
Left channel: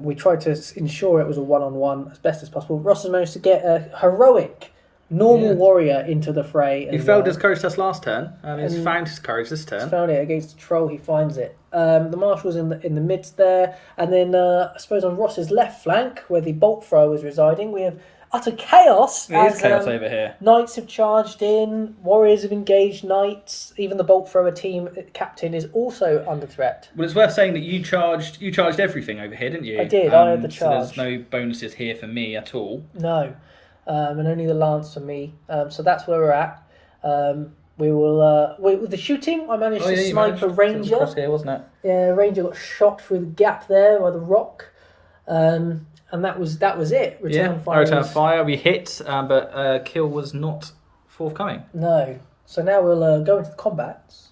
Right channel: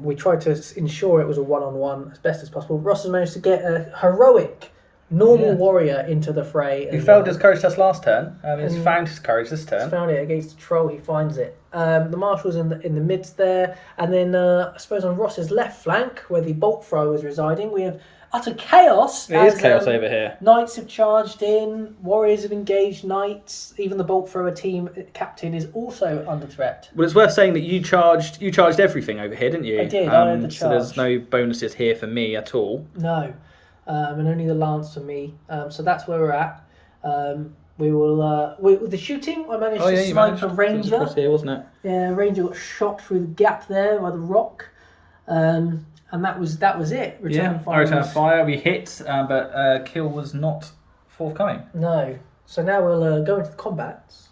We tried to ensure it was a one-on-one as best as possible. Ross has managed to get a heroic, normal warrior into the fray. He failed his courage test last turn. He's found his courage this turn. He's found it against the troll. He finds it. The marshal's in the midst there, and then I suppose on Ross's left flank, where the bolt thrower is residing, we have utter chaos. It is chaos over here. Knights have charged in, warriors have engaged knights, even the bolt thrower team captain is also under threat. Well, it's worth saying that you charged everything over here, didn't you? I did, I had the So charge. there's no bonuses here for me at all. No, and only the lance for me. So that's where we're at. We will, with the shooting, I managed to snipe a ranger. It was across here, wasn't it? Yeah, ranger got shot through the gap there by the rock. And that was it. Return fire. We hit, but kill was not forthcoming. No. So now we'll go into the combats.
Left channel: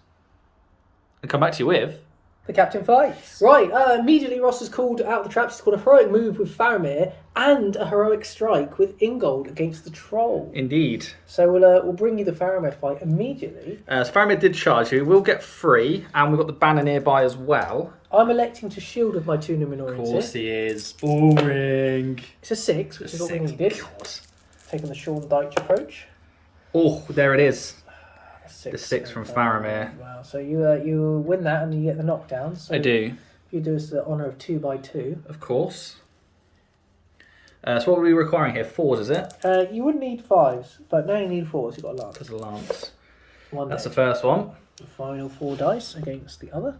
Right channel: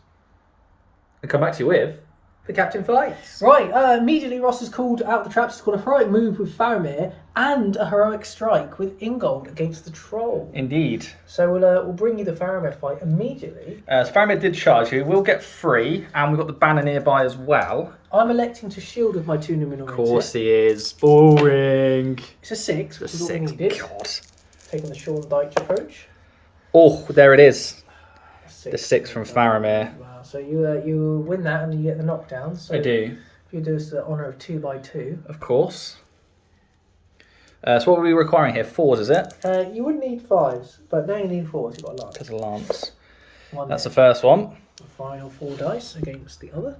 And come back to you with The captain fights. Right. Immediately, Ross has called out the traps. He's called a heroic move with Faramir and a heroic strike with Ingold against the troll. Indeed. So we'll bring you the Faramir fight immediately. So Faramir did charge you. We'll get 3, and we've got the banner nearby as well. I'm electing to shield with my 2 Numenorians. Of course he is. Boring. It's a 6, which is what we needed. God. Taking the Sean Dyche approach. Oh, there it is. The The 6 from Faramir. Wow. So you win that and you get the knockdown. So I do. You do us the honour of 2 by 2. Of course. So what are we requiring here? 4s, is it? You wouldn't need 5s, but now you need 4s. You've got a lance. Because of lance. One That's there. the first one. The final 4 dice against the other.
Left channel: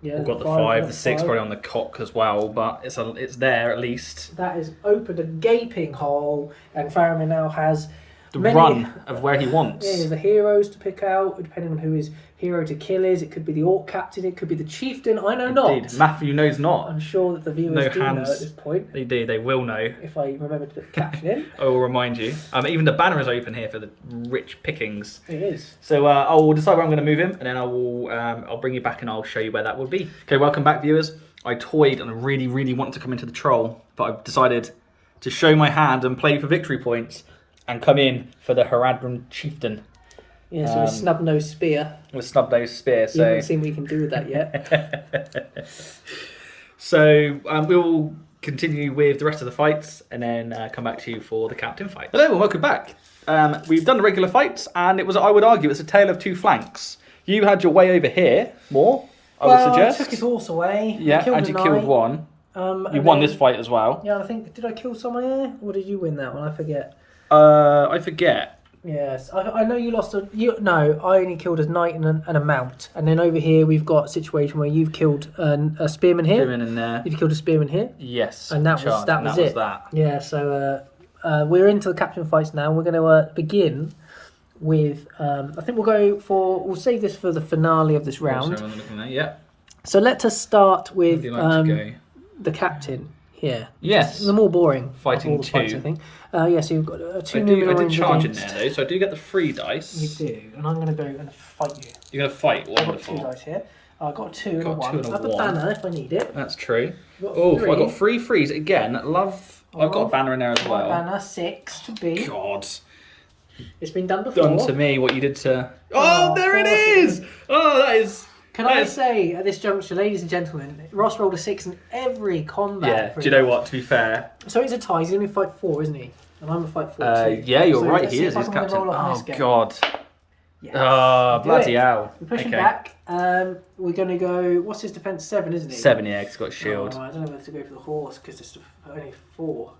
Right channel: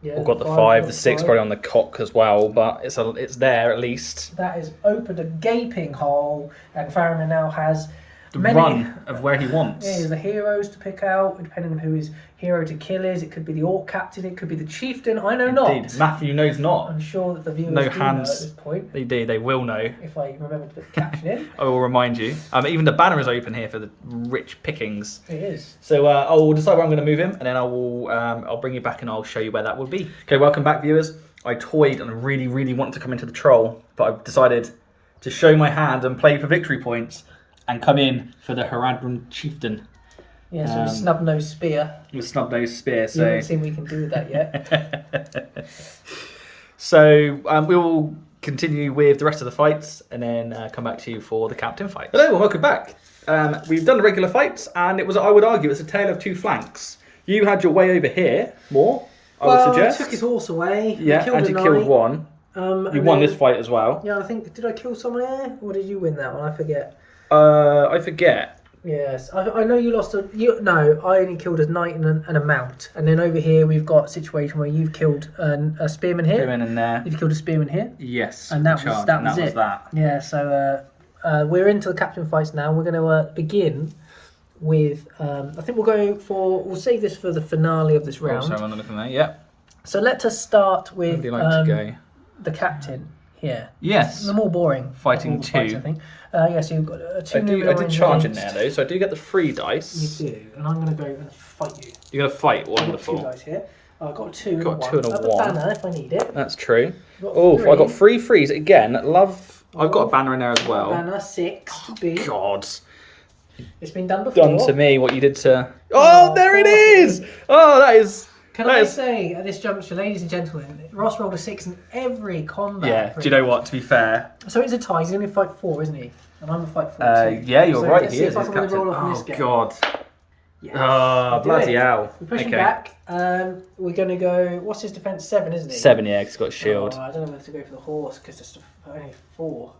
Yeah, We've got the 5, the 6 probably on the cock as well, but it's there at least. That has opened a gaping hole, and Faramir now has The run of where he wants. Yeah, the heroes to pick out, depending on who his hero to kill is. It could be the orc captain, it could be the chieftain. I know Indeed. not. Matthew knows not. I'm sure that the viewers No do know hands. at this point. They do. They will know. If I remember to put the caption in. I will remind you. Even the banner is open here for the rich pickings. It is. So I will decide where I'm going to move him, and then I'll bring you back and I'll show you where that will be. Okay, welcome back, viewers. I toyed and I really, really wanted to come into the troll, but I've decided to show my hand and play for victory points and come in for the Harad chieftain. Yeah, so a snub-nosed spear. With snub-nosed spear. You So haven't seen what you can do with that yet. So we will continue with the rest of the fights and then come back to you for the captain fight. Hello and welcome back. We've done the regular fights and it was, I would argue, it's a tale of 2 flanks. You had your way over here more, I would suggest. I took his horse away. Yeah, and you killed one. You won this fight as well. Yeah, I think, did I kill someone here? Or did you win that one? I forget. I forget. Yes, I know you lost no, I only killed a knight and a mount, and then over here we've got a situation where you've killed a spearman here. Spearman in there. You've killed a spearman here. Yes. And that was it. That. Yeah. So we're into the captain fights now. We're going to begin with. I think we'll save this for the finale of this round. So I'm looking at yeah. So let us start with the captain here. Yes. The more boring. Fighting two. Fights, I think. So you've got two. I did charge in there though, so I do get the 3 dice. You do, and I'm going to go and fight you. You're going to fight. Wonderful. I've got 2 dice here. I've got 2. Got 2 and a 1. Banner if I need it. That's true. Oh, I got 3 frees again. I've got a banner in there as well. Banner 6 to be. God. It's been done before. Done to me what you did to. Oh, there it is. Oh, that is. Can I say at this juncture, ladies and gentlemen, Ross rolled a 6 in every combat. Yeah. Do you know what? To be fair. So it's a tie. He's going to fight 4, isn't he? And I'm going to fight 4 too. Yeah, you're right. He is. He's captain. Oh God. Yes. Oh, bloody hell. We're pushing back. We're going to go. What's his defense? 7, isn't he? 7, yeah. He's got a shield. I don't know whether to go for the horse because it's only 4.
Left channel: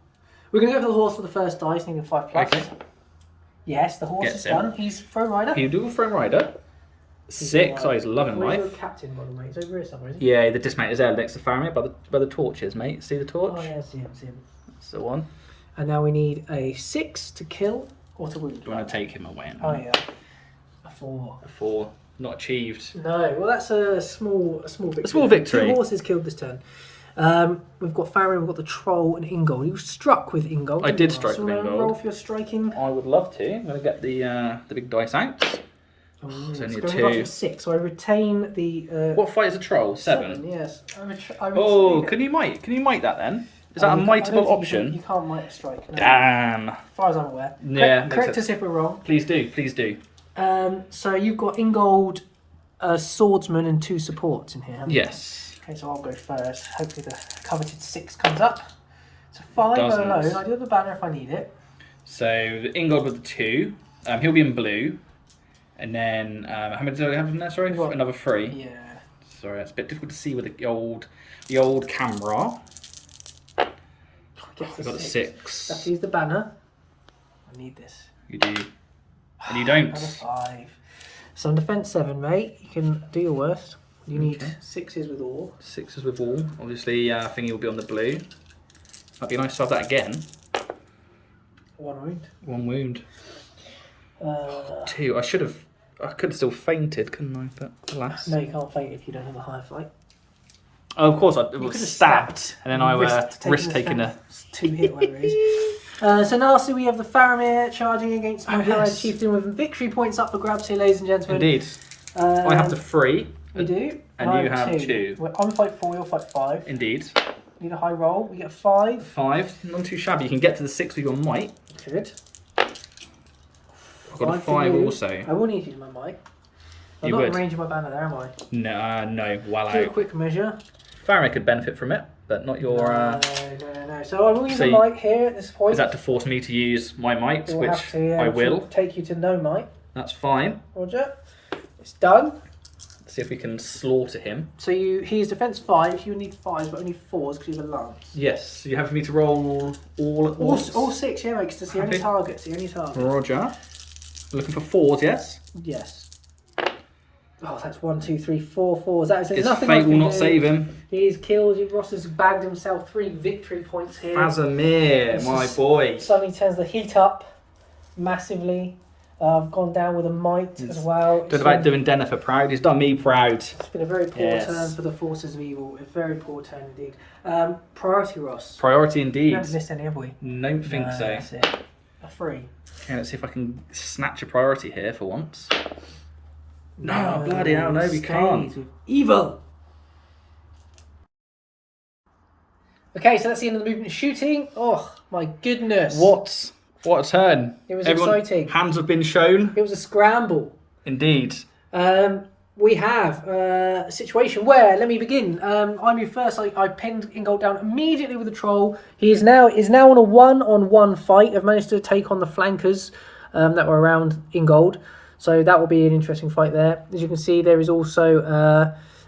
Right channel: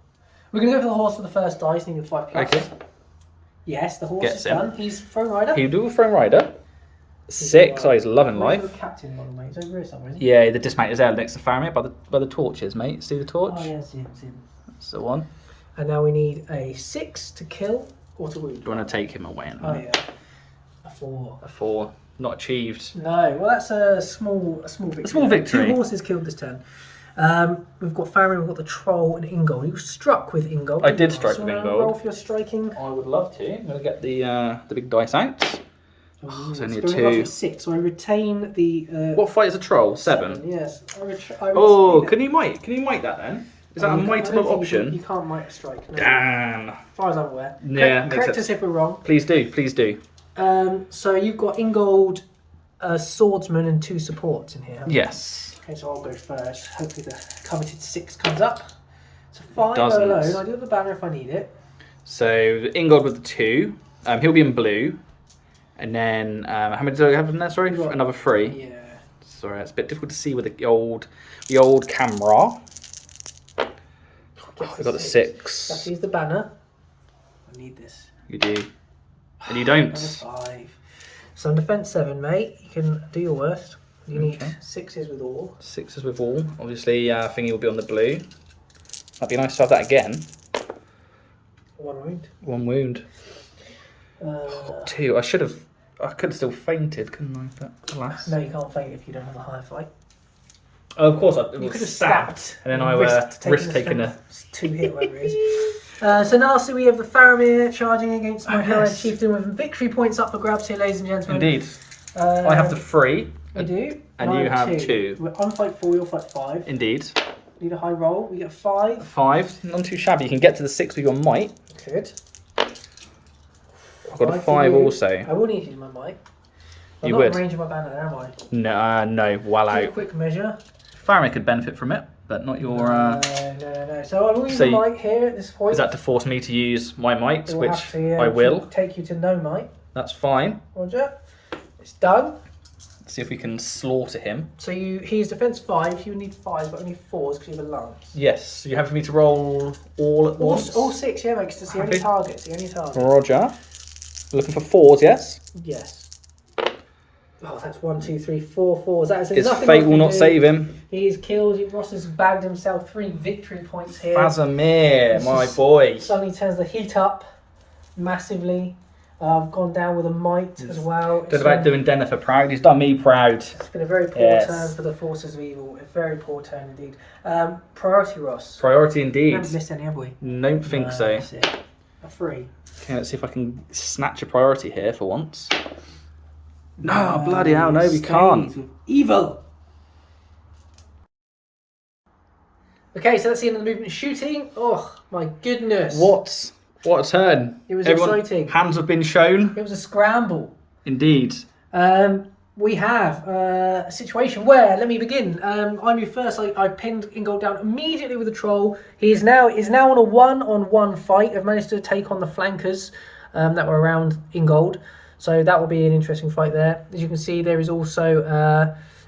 We're going to go for the horse for the first dice. And he can fight plus. Okay. Yes, the horse is done. He's throne rider. He'll do a throne rider. 6. Oh, he's loving life. Where's your captain model, mate? He's over here somewhere, isn't he? Yeah, the dismount is there next to Faramir by the torches, mate. See the torch? Oh, yeah, see him. That's the one. And now we need a 6 to kill or to wound. Do you want to take him away? Oh, yeah. A 4. A 4. Not achieved. No, well, that's a small victory. A small victory. 2 horses killed this turn. We've got Faramir, we've got the troll and Ingold. You struck with Ingold. I did strike with Ingold. Roll for your striking. I would love to. I'm going to get the big dice out. It's only a 2. 6, so I retain the. What fight is a troll? 7. Yes. Can you might that then? Is that a mightable option? You can't might a strike. No. Damn. As far as I'm aware. Yeah, makes correct us if we're wrong. Please do. So you've got Ingold, a swordsman, and 2 supports in here. Yes. Okay, so I'll go first. Hopefully the coveted 6 comes up. So 5 Doesn't. alone. I do have the banner if I need it. So the Ingold with the 2. He'll be in blue. And then how many do I have in there? Sorry, another 3. Yeah. Sorry, it's a bit difficult to see with the old camera. We've got the 6. Let's use the banner. I need this. You do. And you don't. 5. So in defense 7, mate. You can do your worst. You need 6s with all. 6s with all. Obviously, thingy will be on the blue. That'd be nice to have that again. 1 wound. 1 wound. 2. I could have still fainted, couldn't I? But alas. No, you can't faint if you don't have a high fight. Oh, of course, I could was have stabbed, and then I risk taking a 2 hit, whatever it is. So lastly, we have the Faramir charging against my hero chieftain with victory points up for grabs here, ladies and gentlemen. Indeed. I have the 3. You do. And you have 2. Well, I'm fight 4, you'll fight 5. Indeed. Need a high roll. You get 5. 5. None too shabby. You can get to the 6 with your might. Good. I've got a 5 also. I will need to use my might. I'm You not would. in range of my banner there, am I? No, well Do a out. quick measure. Faramir could benefit from it, but not your. No. So I will use my might here at this point. Is that to force me to use my might, We'll which have to, I will? Take you to no might. That's fine. Roger. It's done. Let's see if we can slaughter him. So he's defense 5. You need 5s, but only 4s because you have a lance. Yes. So you have for me to roll all at once. All 6, yeah, makes it's the only target. It's the only target. Roger. We're looking for 4s, yes. Yes. Oh, that's 1, 2, 3, 4 4s. That is His fate will not save him. He is killed. Ross has bagged himself 3 victory points here. Faramir, my boy. Suddenly turns the heat up massively. I've gone down with a might as well. Done about doing Dennifer proud. He's done me proud. It's been a very poor turn for the forces of evil. A very poor turn indeed. Priority, Ross. Priority We indeed. haven't missed any, have we? Don't think so. That's it. A 3. Okay, let's see if I can snatch a priority here for once. No, bloody hell, no, we can't. With evil. Okay, so that's the end of the movement shooting. Oh, my goodness. What a turn. It was Everyone, exciting. Hands have been shown. It was a scramble. Indeed. We have a situation where, let me begin. I moved first. I pinned Ingold down immediately with a troll. He is now on a 1-on-1 fight. I've managed to take on the flankers that were around Ingold. So that will be an interesting fight there. As you can see, there is also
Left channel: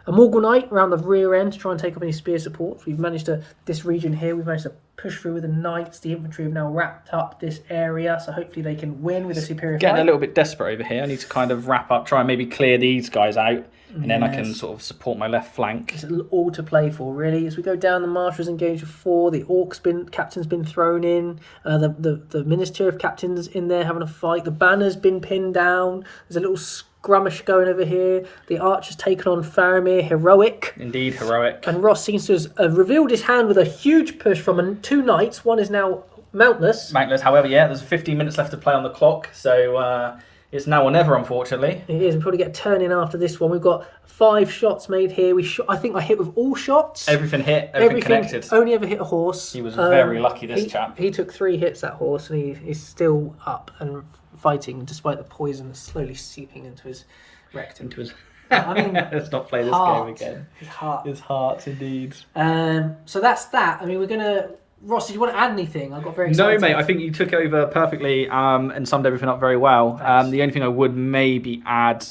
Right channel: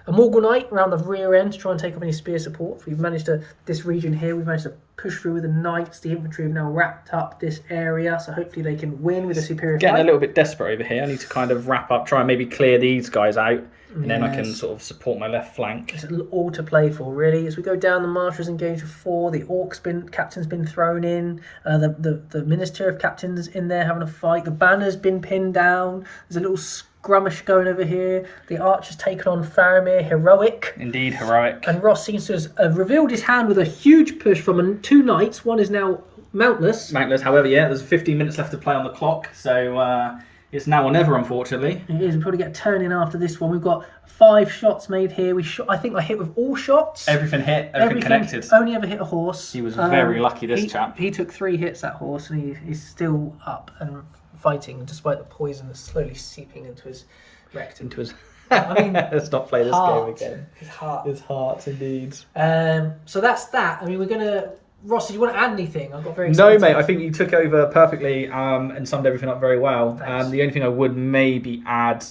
a Morgul Knight around the rear end to try and take off any spear support. We've managed to, this region here, we've managed to push through with the knights. The infantry have now wrapped up this area, so hopefully they can win with a superior Getting fight. a little bit desperate over here. I need to kind of wrap up, try and maybe clear these guys out, and then I can sort of support my left flank. It's all to play for, really. As we go down, the marshals engaged with 4. The captain's been thrown in. The minister of captains in there having a fight. The banner's been pinned down. There's a little skirmish going over here. The archer's taken on Faramir, heroic. Indeed, heroic. And Ross seems to have revealed his hand with a huge push from 2 knights. One is now mountless. Mountless, however, yeah, there's 15 minutes left to play on the clock, so it's now or never, unfortunately. It is. We'll probably get a turn in after this one. We've got 5 shots made here. I think I hit with all shots. Everything hit, everything connected. Only ever hit a horse. He was very lucky, this chap. He took 3 hits, that horse, and he's still up and fighting despite the poison that's slowly seeping into his rectum. I mean, let's not play this game again. His heart, indeed. So that's that. I mean, we're gonna. Ross, did you want to add anything? I got very excited. No, mate. I think you took over perfectly and summed everything up very well. The only thing I would maybe add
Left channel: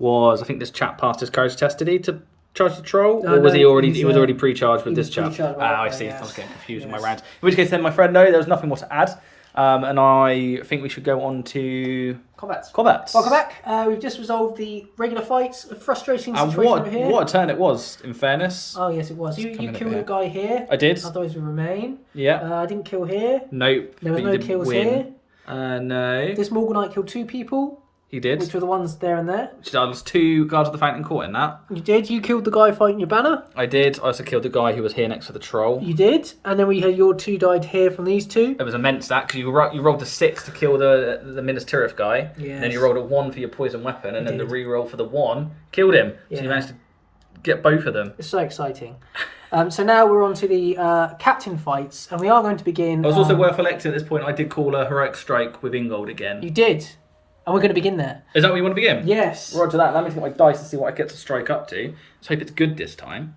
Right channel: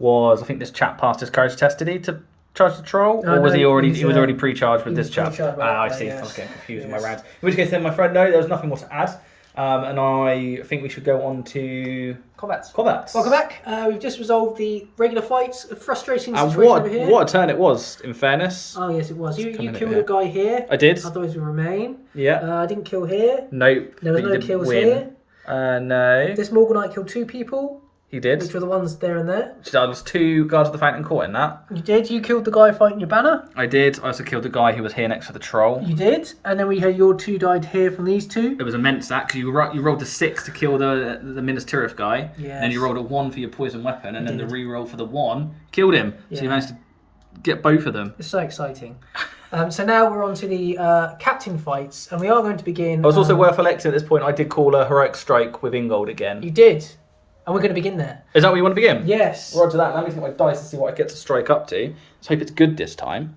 was I think this chap passed his courage test. Did he to charge the troll, or was he already? He was already pre-charged with this chap. I see. Yes. I was getting confused with my rounds. In which case, then, my friend, no, there was nothing more to add. And I think we should go on to combats. Welcome back. We've just resolved the regular fights. A frustrating situation over here. What a turn it was, in fairness. Oh, yes, it was. You killed a guy here. I did. Otherwise, we remain. Yeah. I didn't kill here. Nope. There was no kills here. No. This Morgul Knight killed 2 people. He did. Which were the ones there and there. There was 2 guards of the Fountain Court in that. You did. You killed the guy fighting your banner. I did. I also killed the guy who was here next to the troll. You did. And then we had your 2 died here from these 2. It was immense that, because you rolled a 6 to kill the Minas Tirith guy. Yes. And then you rolled a 1 for your poison weapon, and then the re-roll for the 1 killed him. Yeah. So you managed to get both of them. It's so exciting. So now we're on to the captain fights, and we are going to begin. It was also worth electing at this point. I did call a heroic strike with Ingold again. You did. And we're going to begin there. Is that where you want to begin? Yes. Right to that. Now let me get my dice to see what I get to strike up to. Let's hope it's good this time.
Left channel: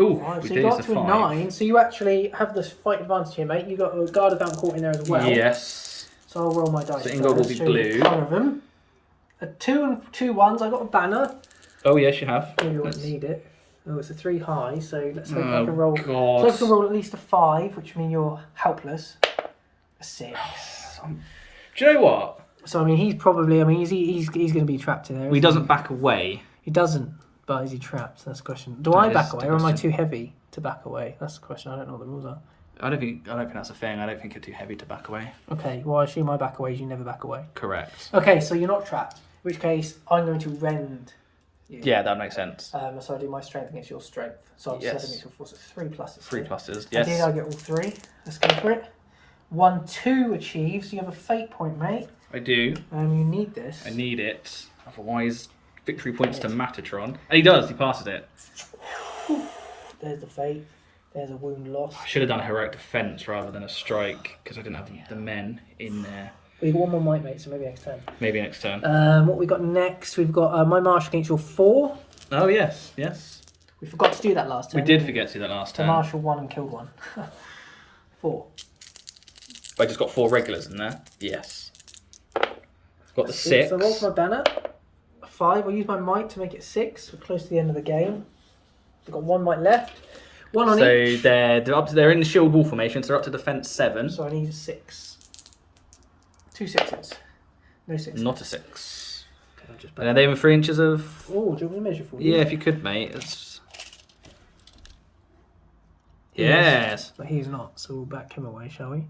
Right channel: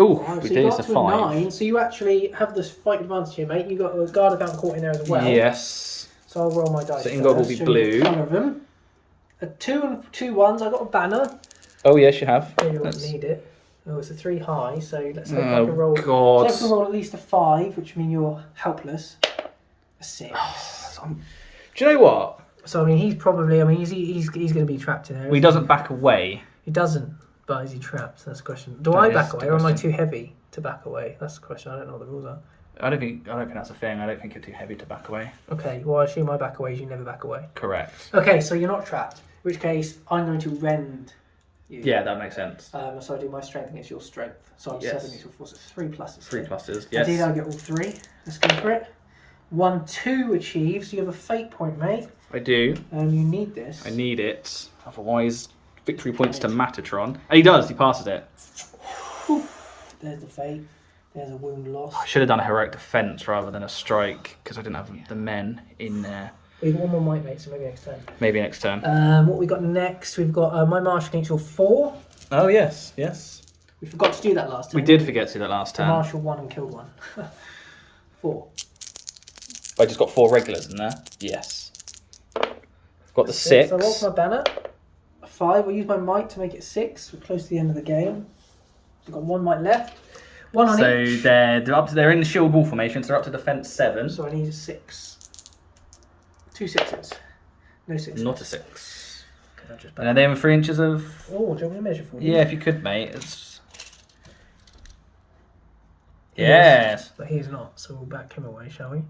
Ooh, we did a 5. 9, so you actually have this fight advantage here, mate. You got a guard of Fountain Court in there as well. Yes. So I'll roll my dice. So Ingold will be blue. 1 of them. 2 and 2 1s. I got a banner. Oh yes, you have. You won't need it. Oh, it's a 3 high. So let's hope I can roll. God. So I can roll at least a 5, which means you're helpless. A 6. Do you know what? So I mean, he's probably. I mean, he's going to be trapped in there. He doesn't back away. He doesn't. But is he trapped? That's the question. Do I back away, or am I too heavy to back away? That's the question. I don't know what the rules are. I don't think that's a thing. I don't think you're too heavy to back away. Okay. Well, I assume I back away. You never back away. Correct. Okay, so you're not trapped. In which case, I'm going to rend you. Yeah, that makes sense. So I do my strength against your strength. So I'm 7 against your force. It's 3 pluses. 3 pluses. Yes. I get all 3. Let's go for it. 1, 2 achieves. You have a fate point, mate. I do. And you need this. I need it. Otherwise, victory points to Matatron. And he does. He passes it. There's the fate. There's a wound loss. I should have done a heroic defense rather than a strike because I didn't have the men in there. We've got 1 more might, mate, so maybe next turn. Maybe next turn. What we got next? We've got my march against your 4. Oh yes. We forgot to do that last time. We did forget to do that last time. Marshal 1 and killed 1. 4. I just got 4 regulars in there. Yes. Got the 6. So I rolled for my banner. 5. I'll use my might to make it 6. We're close to the end of the game. We've got 1 might left. 1 on each. So they're in the shield wall formation, so they're up to defense 7. So I need a 6. 2 6s. No 6s. Not a 6. And are they in 3 inches of... Oh, do you want me to measure for you? Yeah, if you could, mate. Yes. But he's not, so we'll back him away, shall we?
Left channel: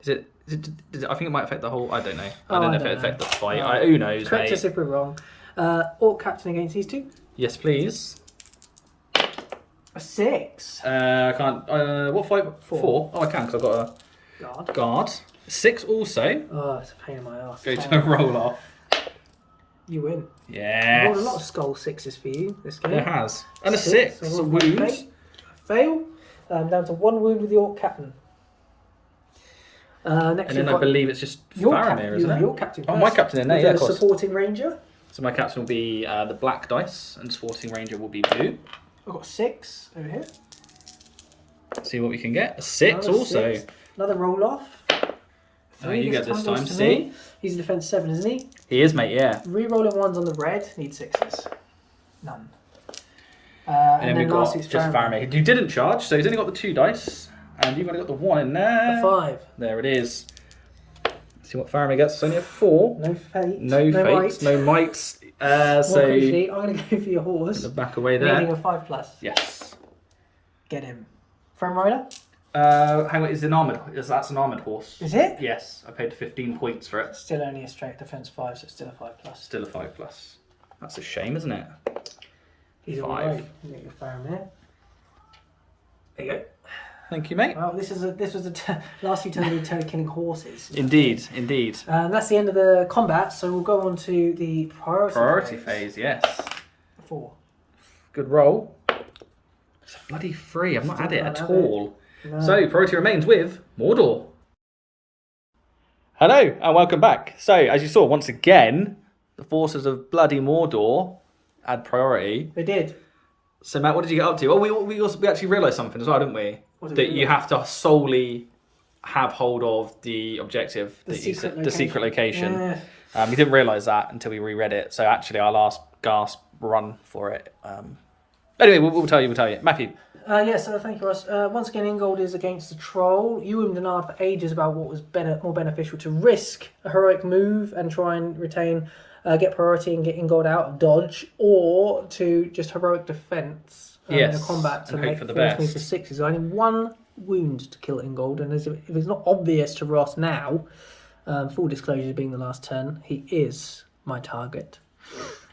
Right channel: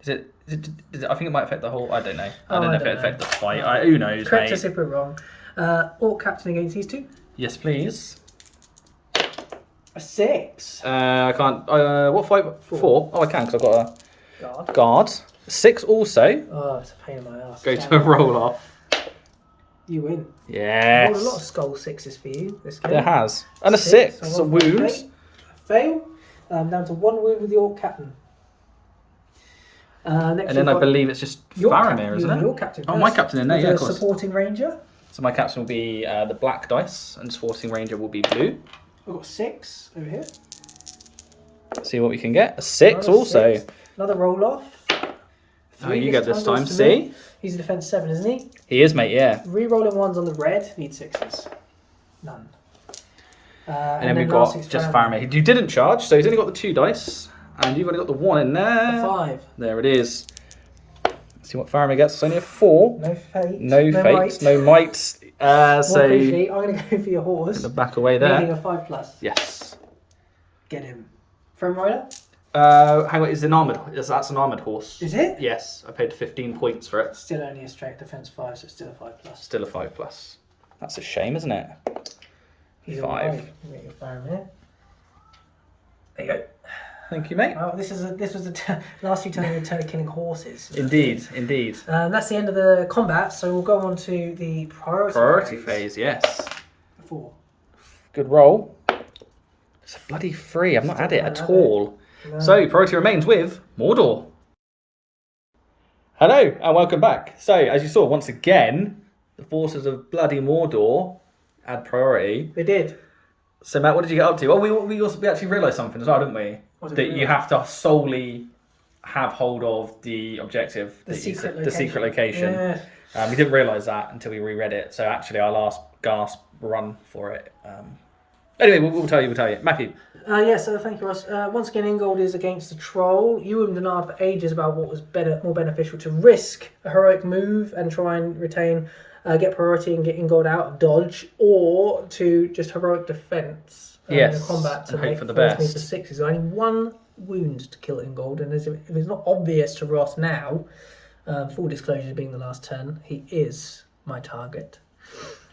Is it, I think it might affect the whole... I don't know. I don't know if it affects the fight. Who knows, Correct mate. us if we're wrong. Orc captain against these 2. Yes, please. A 6. I can't... what fight? 4. Oh, I can, because I've got a... Guard. 6 also. Oh, it's a pain in my ass. Go to a roll-off. You win. Yes. I've got a lot of skull 6s for you this game. There has. And a 6. So wounds. Fail. Down to 1 wound with the Orc captain. And then I believe it's just Faramir, isn't it? Your captain. Oh, my captain in there, yeah, of course. Supporting ranger. So my captain will be the black dice, and supporting ranger will be blue. I've got 6 over here. See what we can get. A 6 also. 6. Another roll off. Oh, you get this time. See? He's a defense 7, isn't he? He is, mate, yeah. Rerolling 1s on the red. Need 6s. None. And then we've got just Faramir. You didn't charge, so he's only got the 2 dice. And you've only got the 1 in there. A 5. There it is. Let's see what Faramir gets. It's only a 4. No fate. No fate. Might. No might. So I'm going to go for your horse. the back away there. Needing a 5+. Yes. Get him. Frame rider? Hang on, that's an armoured horse. Is it? Yes, I paid 15 points for it. Still only a strength defense 5, so it's still a 5+. Still a 5+. That's a shame, isn't it? He's 5. Get your Faramir. There you go. Thank you, mate. Oh, this was the last few times we were killing horses. Indeed, indeed. That's the end of the combat, so we'll go on to the Priority phase, yes. 4. Good roll. It's a bloody 3. I've not had it at all. No. So, priority remains with Mordor. Hello, and welcome back. So, as you saw, once again, the forces of bloody Mordor had priority. We did. So, Matt, what did you get up to? Well, we actually realised something as well, didn't we? That you have to solely have hold of the objective, the secret location. Yeah. We didn't realise that until we reread it. So, actually, our last gasp run for it. Anyway, we'll tell you. Matthew. So thank you, Ross. Once again, Ingold is against the troll. You and denied for ages about what was more beneficial to risk a heroic move and try and retain, get priority and get Ingold out of dodge, or to just heroic defence in combat to hope for the best. For 6 is only 1 wound to kill Ingold, and if it's not obvious to Ross now, full disclosure being the last turn, he is my target.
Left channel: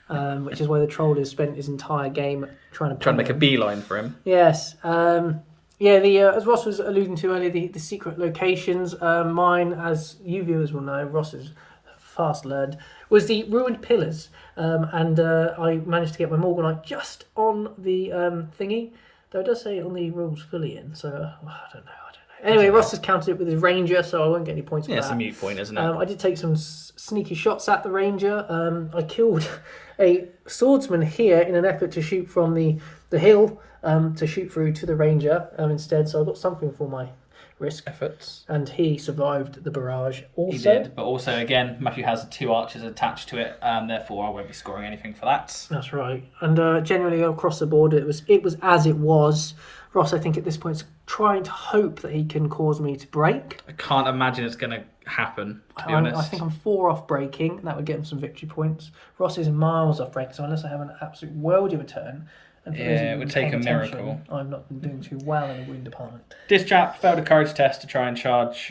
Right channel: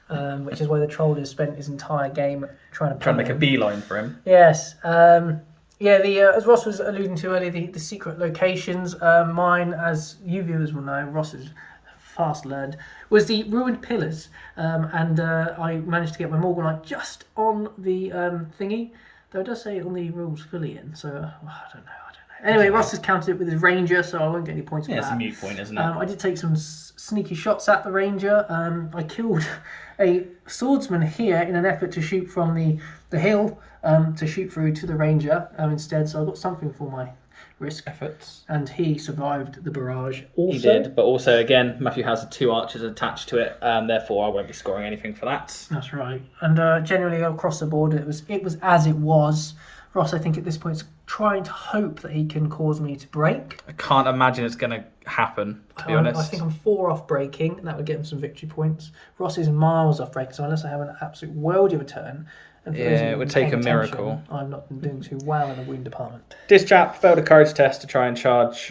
Which is why the troll has spent his entire game trying to make a beeline for him. Yes. As Ross was alluding to earlier, the secret locations. Mine, as you viewers will know, Ross is fast learned, was the ruined pillars. And I managed to get my Morgul Knight just on the thingy. Though it does say on the rules Fillion, so I don't know. Anyway, Ross has counted it with his ranger, so I won't get any points for that. Yeah, it's a mute point, isn't it? I did take some sneaky shots at the ranger. I killed a swordsman here in an effort to shoot from the hill to shoot through to the ranger instead, so I got something for my risk efforts. And he survived the barrage also. He did, but also, again, Matthew has 2 archers attached to it, therefore I won't be scoring anything for that. That's right. And generally across the board, it was as it was. Ross, I think at this point, is trying to hope that he can cause me to break. I can't imagine it's going to happen, to be honest. I think I'm 4 off breaking. That would get him some victory points. Ross is miles off breaking, so unless I have an absolute worldie of a turn, and it would take a miracle. I'm not doing too well in the wound department. This chap failed a courage test to try and charge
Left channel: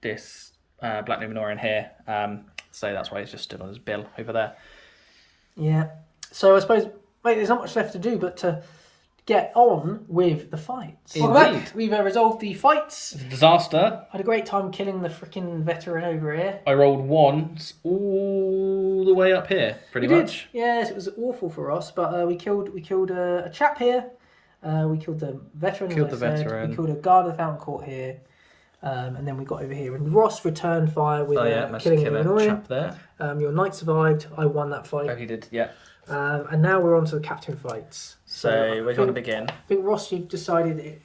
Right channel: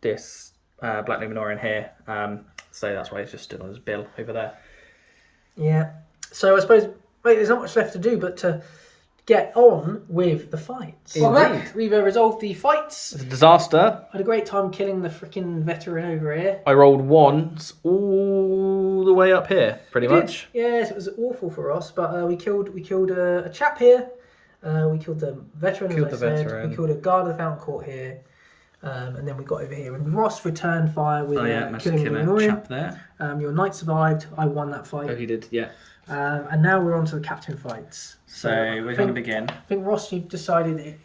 this Black Numenorian here. So that's why he's just stood on his bill over there. Yeah. So I suppose, there's not much left to do but to get on with the fights. Indeed. We've resolved the fights. It's a disaster. I had a great time killing the freaking veteran over here. I rolled 1s all the way up here, pretty much. Yes, it was awful for us, but we killed a chap here. We killed the veteran. We killed a guard of the Fountain Court here. And then we got over here, and Ross returned fire with killing a chap there. Your knight survived. I won that fight. Oh, he did, yeah. And now we're on to the captain fights. So, where do you want to begin? I think, Ross, you've decided,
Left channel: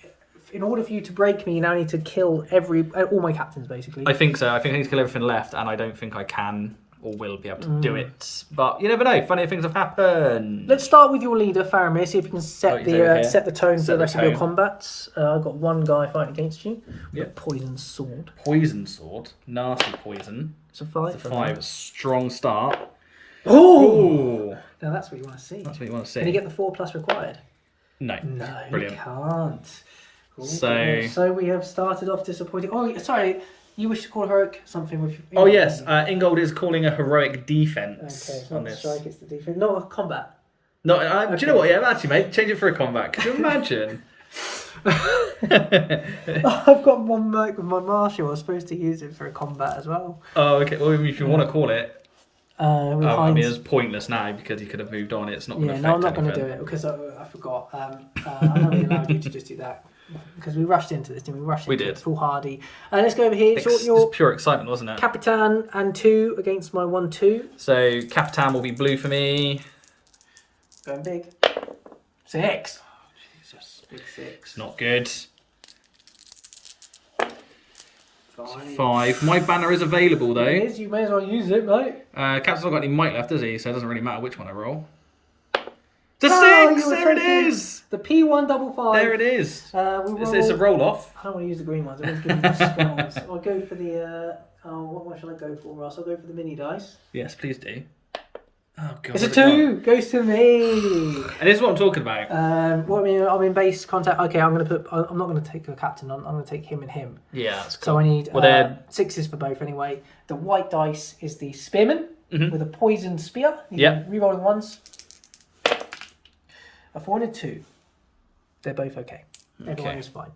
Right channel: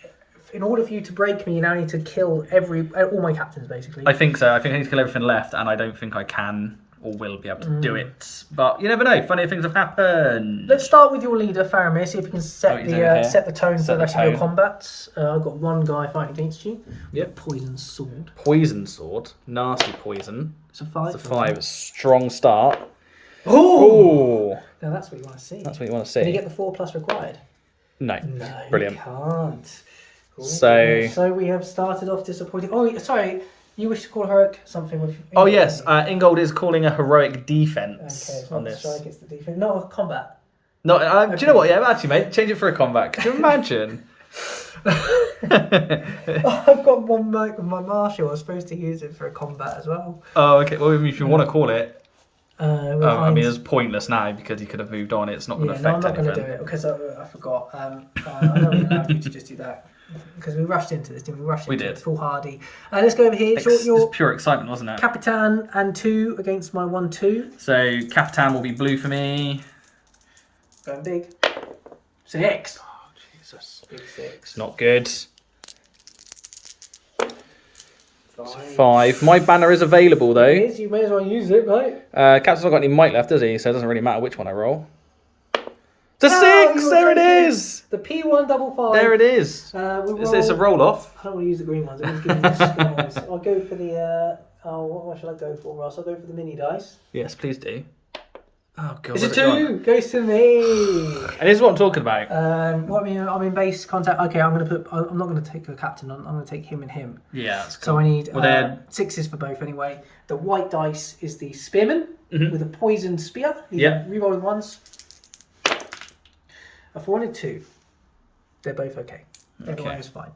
in order for you to break me, you now need to kill all my captains, basically. I think so. I think I need to kill everything left, and I don't think I can or will be able to do it. But you never know. Funny things have happened. Let's start with your leader, Faramir. See if you can set the tone for the rest of your combats. I've got 1 guy fighting against you. Yep. Poison sword. Poison sword. Nasty poison. It's a 5. It's a 5. Strong start. Ooh! Now that's what you want to see. That's what you want to see. Can you get the 4+ required? No. Brilliant. You can't. Ooh. So we have started off disappointing. Oh, sorry. You wish to call heroic something with... Oh, yes. Ingold is calling a heroic defense on this. Strike, it's the defense. Not a combat. No, do you know what? Yeah, actually, mate, change it for a combat. Could you imagine? I've got one mic with my marshal. I was supposed to use it for a combat as well. Oh, okay. Well, if you want to call it... I mean, it's pointless now because you could have moved on. It's not going to affect anything. I'm not going to do it because I forgot. I'm not allowed you to just do that because we rushed into this, didn't we? We did. Foolhardy. Let's go over here. It's pure excitement, wasn't it? Capitan and 2 against my 1/2. So Capitan will be blue for me. Going big. 6. Oh, Jesus. Big 6. It's not good. 5. My banner is available though. It is. You may as well use it, mate. Captain's not got any might left, does he? So it doesn't really matter which one I roll. The Oh, 6! you There were it taking is! The P155. There it is. It's a roll-off. I don't want to use the green ones. I want to give you the skulls. I'll go for the. What one shall I go for, Ross? I'll go for the mini dice. Yes, please do. Oh god. It's a where's it gone? 2. Goes to me. And this is what I'm talking about. I'm in base contact. Okay, I'm not going to take a captain. I'm going to take him and him. Yeah, that's cool. So I need they're 6s for both anyway. The white dice is the spearman with a poisoned spear. Yep. Rerolling ones. A 4 and a 2. They're both okay. Everyone is fine.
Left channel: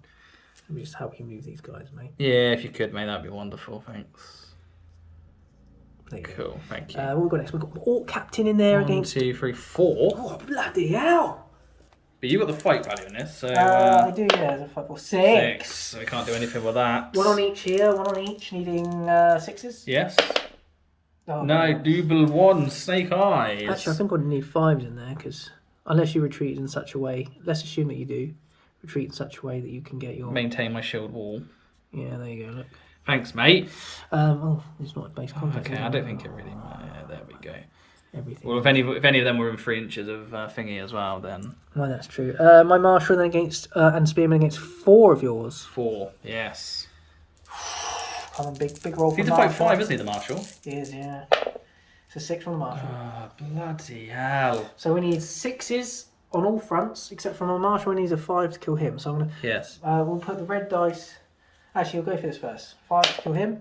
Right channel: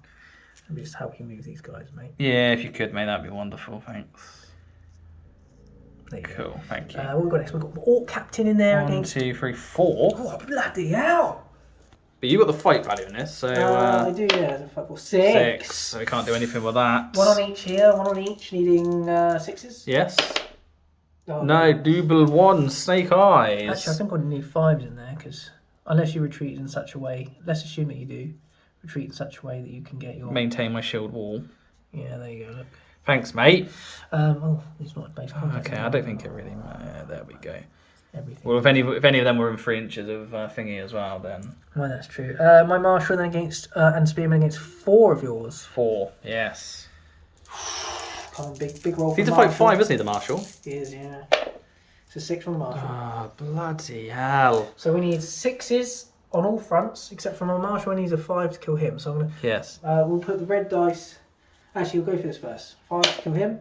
Let me just help you move these guys, mate. Yeah, if you could, mate, that'd be wonderful. Thanks. There you go. Cool, thank you. What we've got next? We've got Orc Captain in there 1, against. 2, 3, 4. Oh, bloody hell! But you got the fight value in this, so I do, yeah. There's a 5 or 6. 6. So we can't do anything with that. One on each here, one on each, needing 6s. Yes. Oh, No, double 1, snake eyes. Actually, I think I need 5s in there because unless you retreat in such a way, let's assume that you do retreat in such a way that you can get your. Maintain my shield wall. Yeah, there you go. Look. Thanks, mate. It's not base contact. Okay, I don't think it really matters. Yeah, there we go. Everything. Well, if any of them were in 3 inches of thingy as well, then Well, that's true. My marshal then against and spearman against 4 of yours. 4. Yes. Come on, big roll. He's to fight 5, isn't he, the marshal? He is, yeah. It's a 6 from the marshal. Ah, bloody hell. So we need 6s on all fronts, except for my marshal needs a 5 to kill him. So I'm gonna. Yes. We'll put the red dice. Actually, we'll go for this first. 5 to kill him.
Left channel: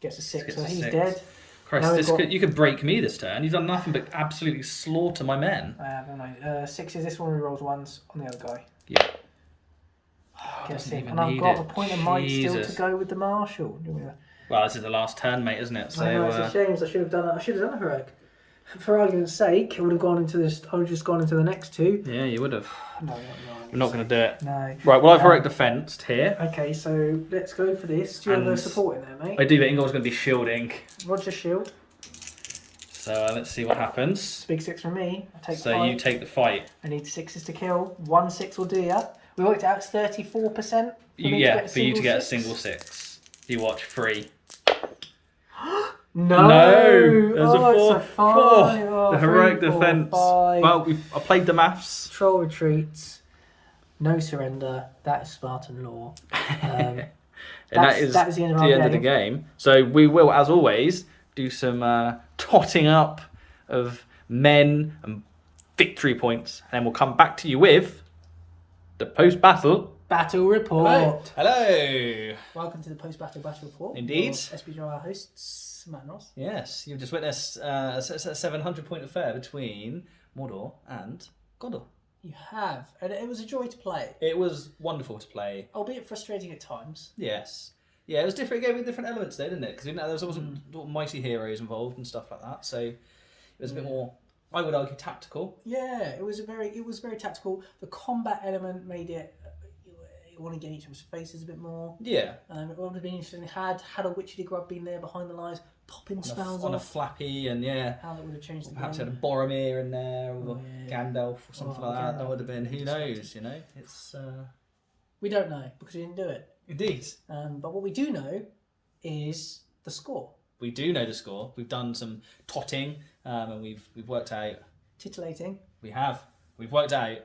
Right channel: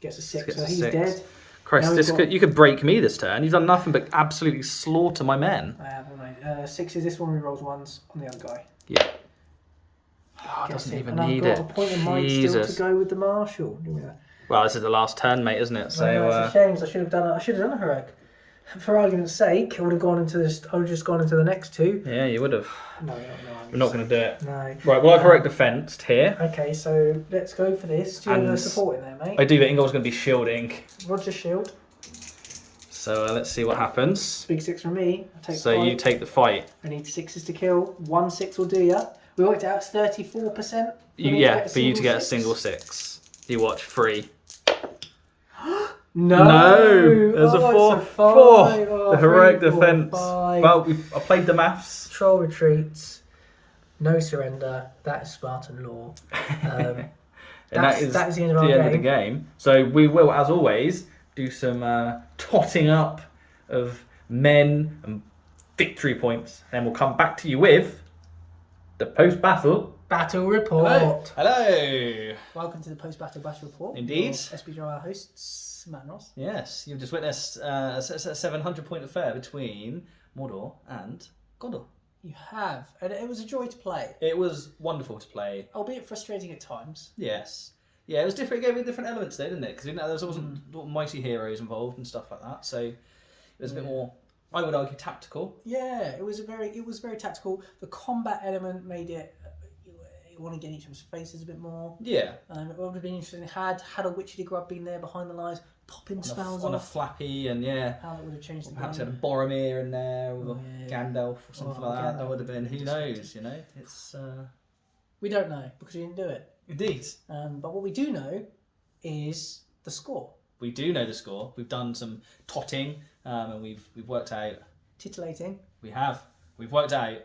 Gets a 6, so he's dead. Christ, you could break me this turn. You've done nothing but absolutely slaughter my men. I don't know. 6s. This one rolls 1s on the other guy. Yeah. Oh, doesn't even and need I've got it. a point of might still to go with the marshal. Well, this is the last turn, mate, isn't it? So it's a shame. I should have done it. I should have done a Harad. For argument's sake, I would have gone into this. I would have just gone into the next 2. Yeah, you would have. No. We're not going to do it. No. Right, well, I've heroic defenced here. Okay, so let's go for this. Do you want the support in there, mate? I do, but Ingol's going to be shielding. Roger shield. So let's see what happens. Big 6 from me. I take So 5. you take the fight. I need 6s to kill. 1 6 will do ya. We worked out 34%. For you to get a single 6. You watch 3. No, there's a 4. it's a 5. The heroic 3, 4, defense. 5. Well, I played the maths. Troll retreats. No surrender. That is Spartan law. And that is the end of the game. So we will, as always, do some totting up of men and victory points, and then we'll come back to you with the post-battle battle report. Hello. Welcome to the post-battle battle report. Indeed. SBG our hosts, Matt and Ross. Yes, you've just witnessed a 700-point affair between Mordor and Gondor. You have, and it was a joy to play. It was wonderful to play, albeit frustrating at times. Yes. Yeah, it was different. It gave me different elements there, didn't it? Because there wasn't mighty heroes involved and stuff like that. So it was a bit more, I would argue, tactical. Yeah, it was very tactical. The combat element made it. You want to get each other's faces a bit more. Yeah. It would have been interesting. Had a witchy grub been there behind the lines, popping spells on off. a flappy, and how that would have changed the game. Perhaps had a Boromir in there, or Gandalf, or something like that. That would have been. Who knows? You know, it's. We don't know because we didn't do it. Indeed. But what we do know is the score. We do know the score. We've done some totting, and we've worked out. Titillating. We have. We've worked out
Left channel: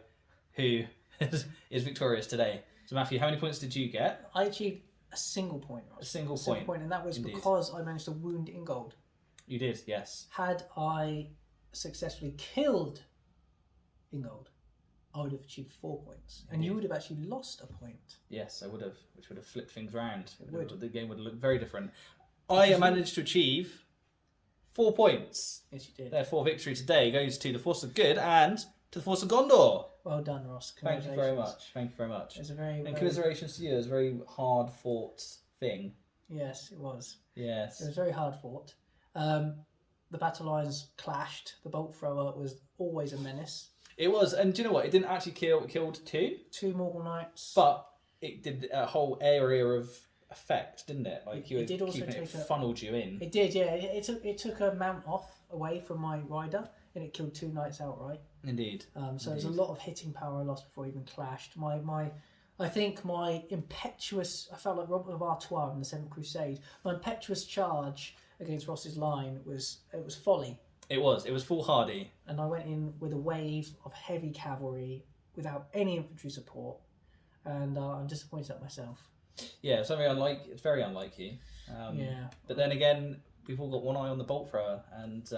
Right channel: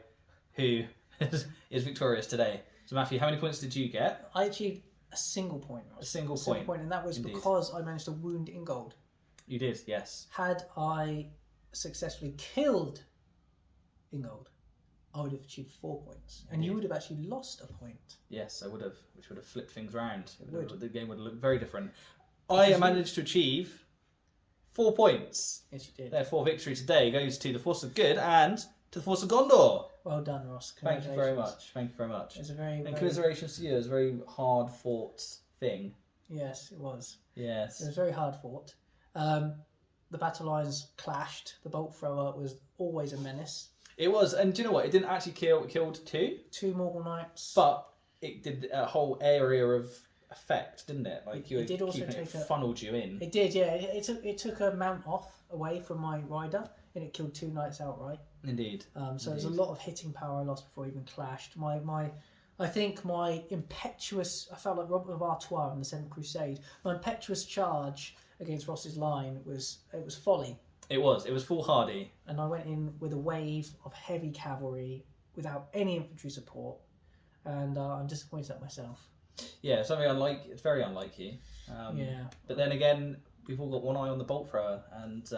who is victorious today. So Matthew, how many points did you get? I achieved a single point. A single point, and that was because I managed to wound Ingold. You did, yes. Had I successfully killed Ingold, I would have achieved 4 points, and you would have actually lost a point. Yes, I would have, which would have flipped things round. The game would look very different. I managed to achieve 4 points. Yes, you did. Therefore, victory today goes to the Force of Good and to the Force of Gondor. Well done, Ross. Thank you very much. Thank you very much. It's a very commiserations to you. It was a very hard fought thing. Yes, it was. Yes. It was very hard fought. The battle lines clashed. The bolt thrower was always a menace. It was, and do you know what? It didn't actually kill. It killed 2 Morgul Knights, but it did a whole area of effect, didn't it? Like it did also funneled you in. It did, yeah. It took a mount away from my rider, and it killed 2 knights outright. Indeed. So there's a lot of hitting power I lost before I even clashed. I think my impetuous. I felt like Robert of Artois in the Seventh Crusade. My impetuous charge against Ross's line was folly. It was full hardy. And I went in with a wave of heavy cavalry without any infantry support, and I'm disappointed at myself. Yeah, it's very unlike you. Yeah. But then again, we've all got one eye on the bolt thrower, and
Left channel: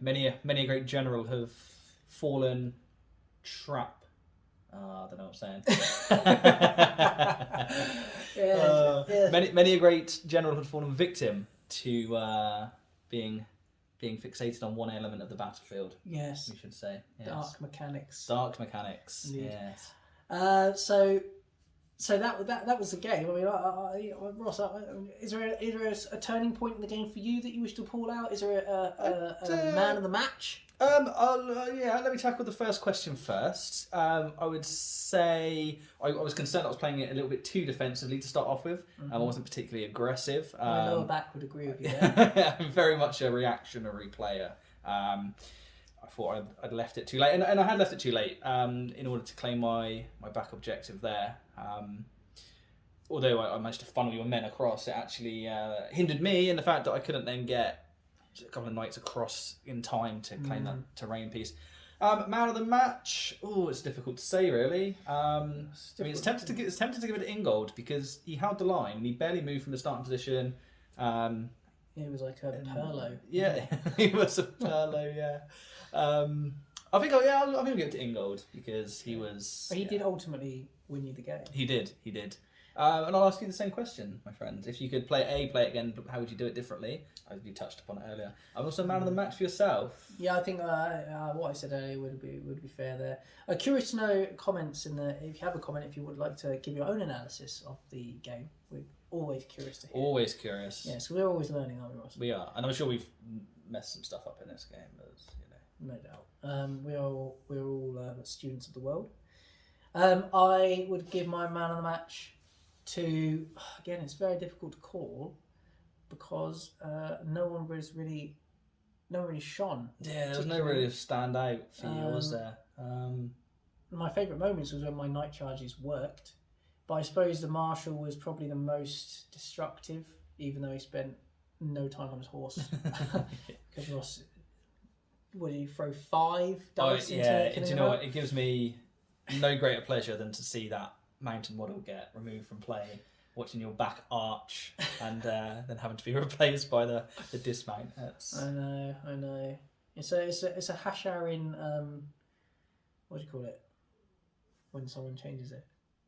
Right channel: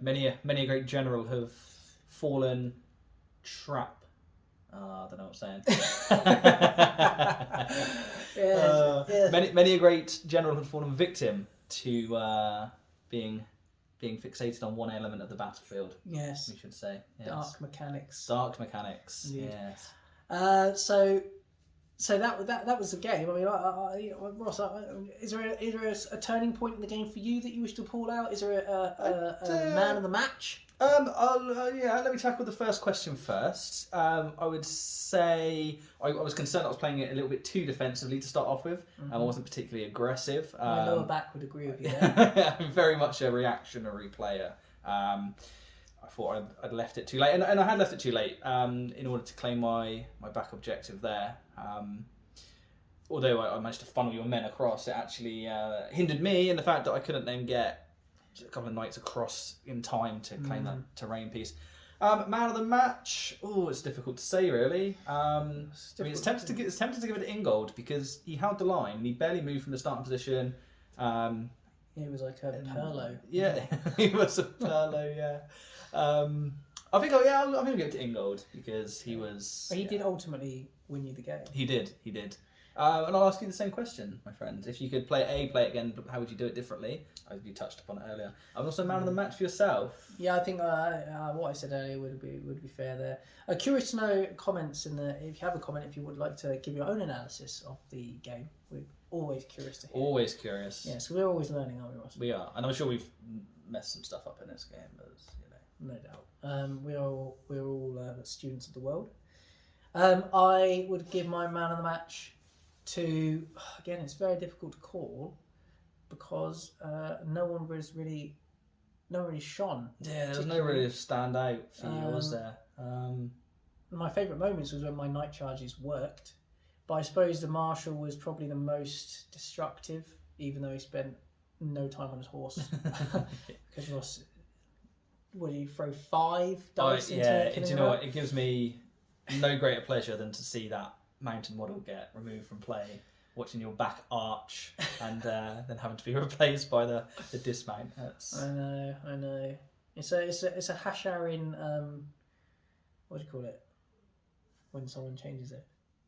many a great general have fallen trap. I don't know what I'm saying. Many a great general have fallen victim to being fixated on one element of the battlefield. Yes. We should say. Yes. Dark mechanics. Dark mechanics. Indeed. Yes. So that was the game. I mean, Ross, is there a turning point in the game for you that you wish to pull out? Is there a man of the match? Let me tackle the first question first. I would say I was concerned I was playing it a little bit too defensively to start off with. I wasn't particularly aggressive. My lower back would agree with you there. I'm very much a reactionary player. I thought I'd left it too late, and I had left it too late in order to claim my back objective there. Although I managed to funnel your men across, it actually hindered me in the fact that I couldn't then get a couple of knights across in time to claim that terrain piece. Man of the match, it's difficult to say really. It's tempted to give it to Ingold because he held the line and he barely moved from the starting position. It was like a Perlo. Yeah, he was a Perlo. Yeah. I'm going to give it to Ingold because he was. But he did ultimately win you the game. He did. And I'll ask you the same question, my friend. If you could play it again, but how would you do it differently? You touched upon it earlier. I'm also man of the match for yourself. Yeah, I think what I said earlier would be fair there. Curious to know comments if you have a comment, if you would like to give your own analysis of the game. We're always curious to hear. Always curious. Yeah, so we're always learning, aren't we, Ross? We are, and I'm sure we've messed some stuff up in this game, as no doubt. We're all students of the world. I would give my man of the match to, again, it's very difficult to call because no one really shone. Yeah, there was no really stand out for you, was there? My favourite moments was when my night charges worked, but I suppose the Marshal was probably the most destructive, even though he spent no time on his horse. Because Ross, would he throw 5 dice into it? Do you know what? It gives me no greater pleasure than to see that mountain model get removed from play, watching your back arch and then having to be replaced by the dismount. I know. It's a hashar in what do you call it when someone changes it?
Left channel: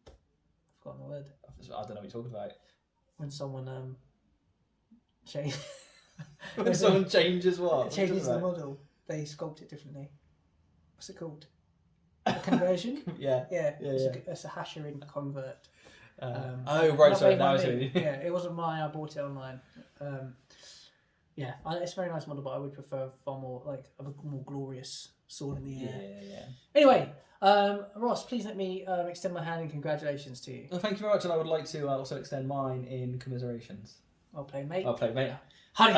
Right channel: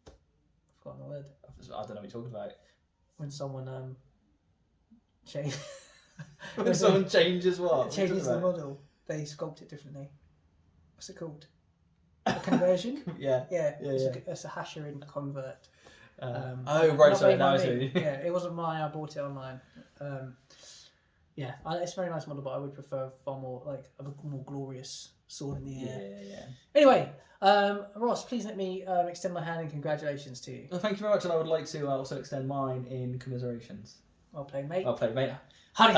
I've forgotten the word. I don't know what you're talking about. When someone change. When someone changes what? Changes the model, they sculpt it differently. What's it called? A conversion? Yeah. It's a hasher in convert. Sorry, now I see. Yeah, it wasn't mine. I bought it online. It's a very nice model, but I would prefer far more like a more glorious sword in the air. Yeah. Anyway, Ross, please let me extend my hand in congratulations to you. Well, thank you very much, and I would like to also extend mine in commiserations. Well played, mate. Well played, mate. Honey,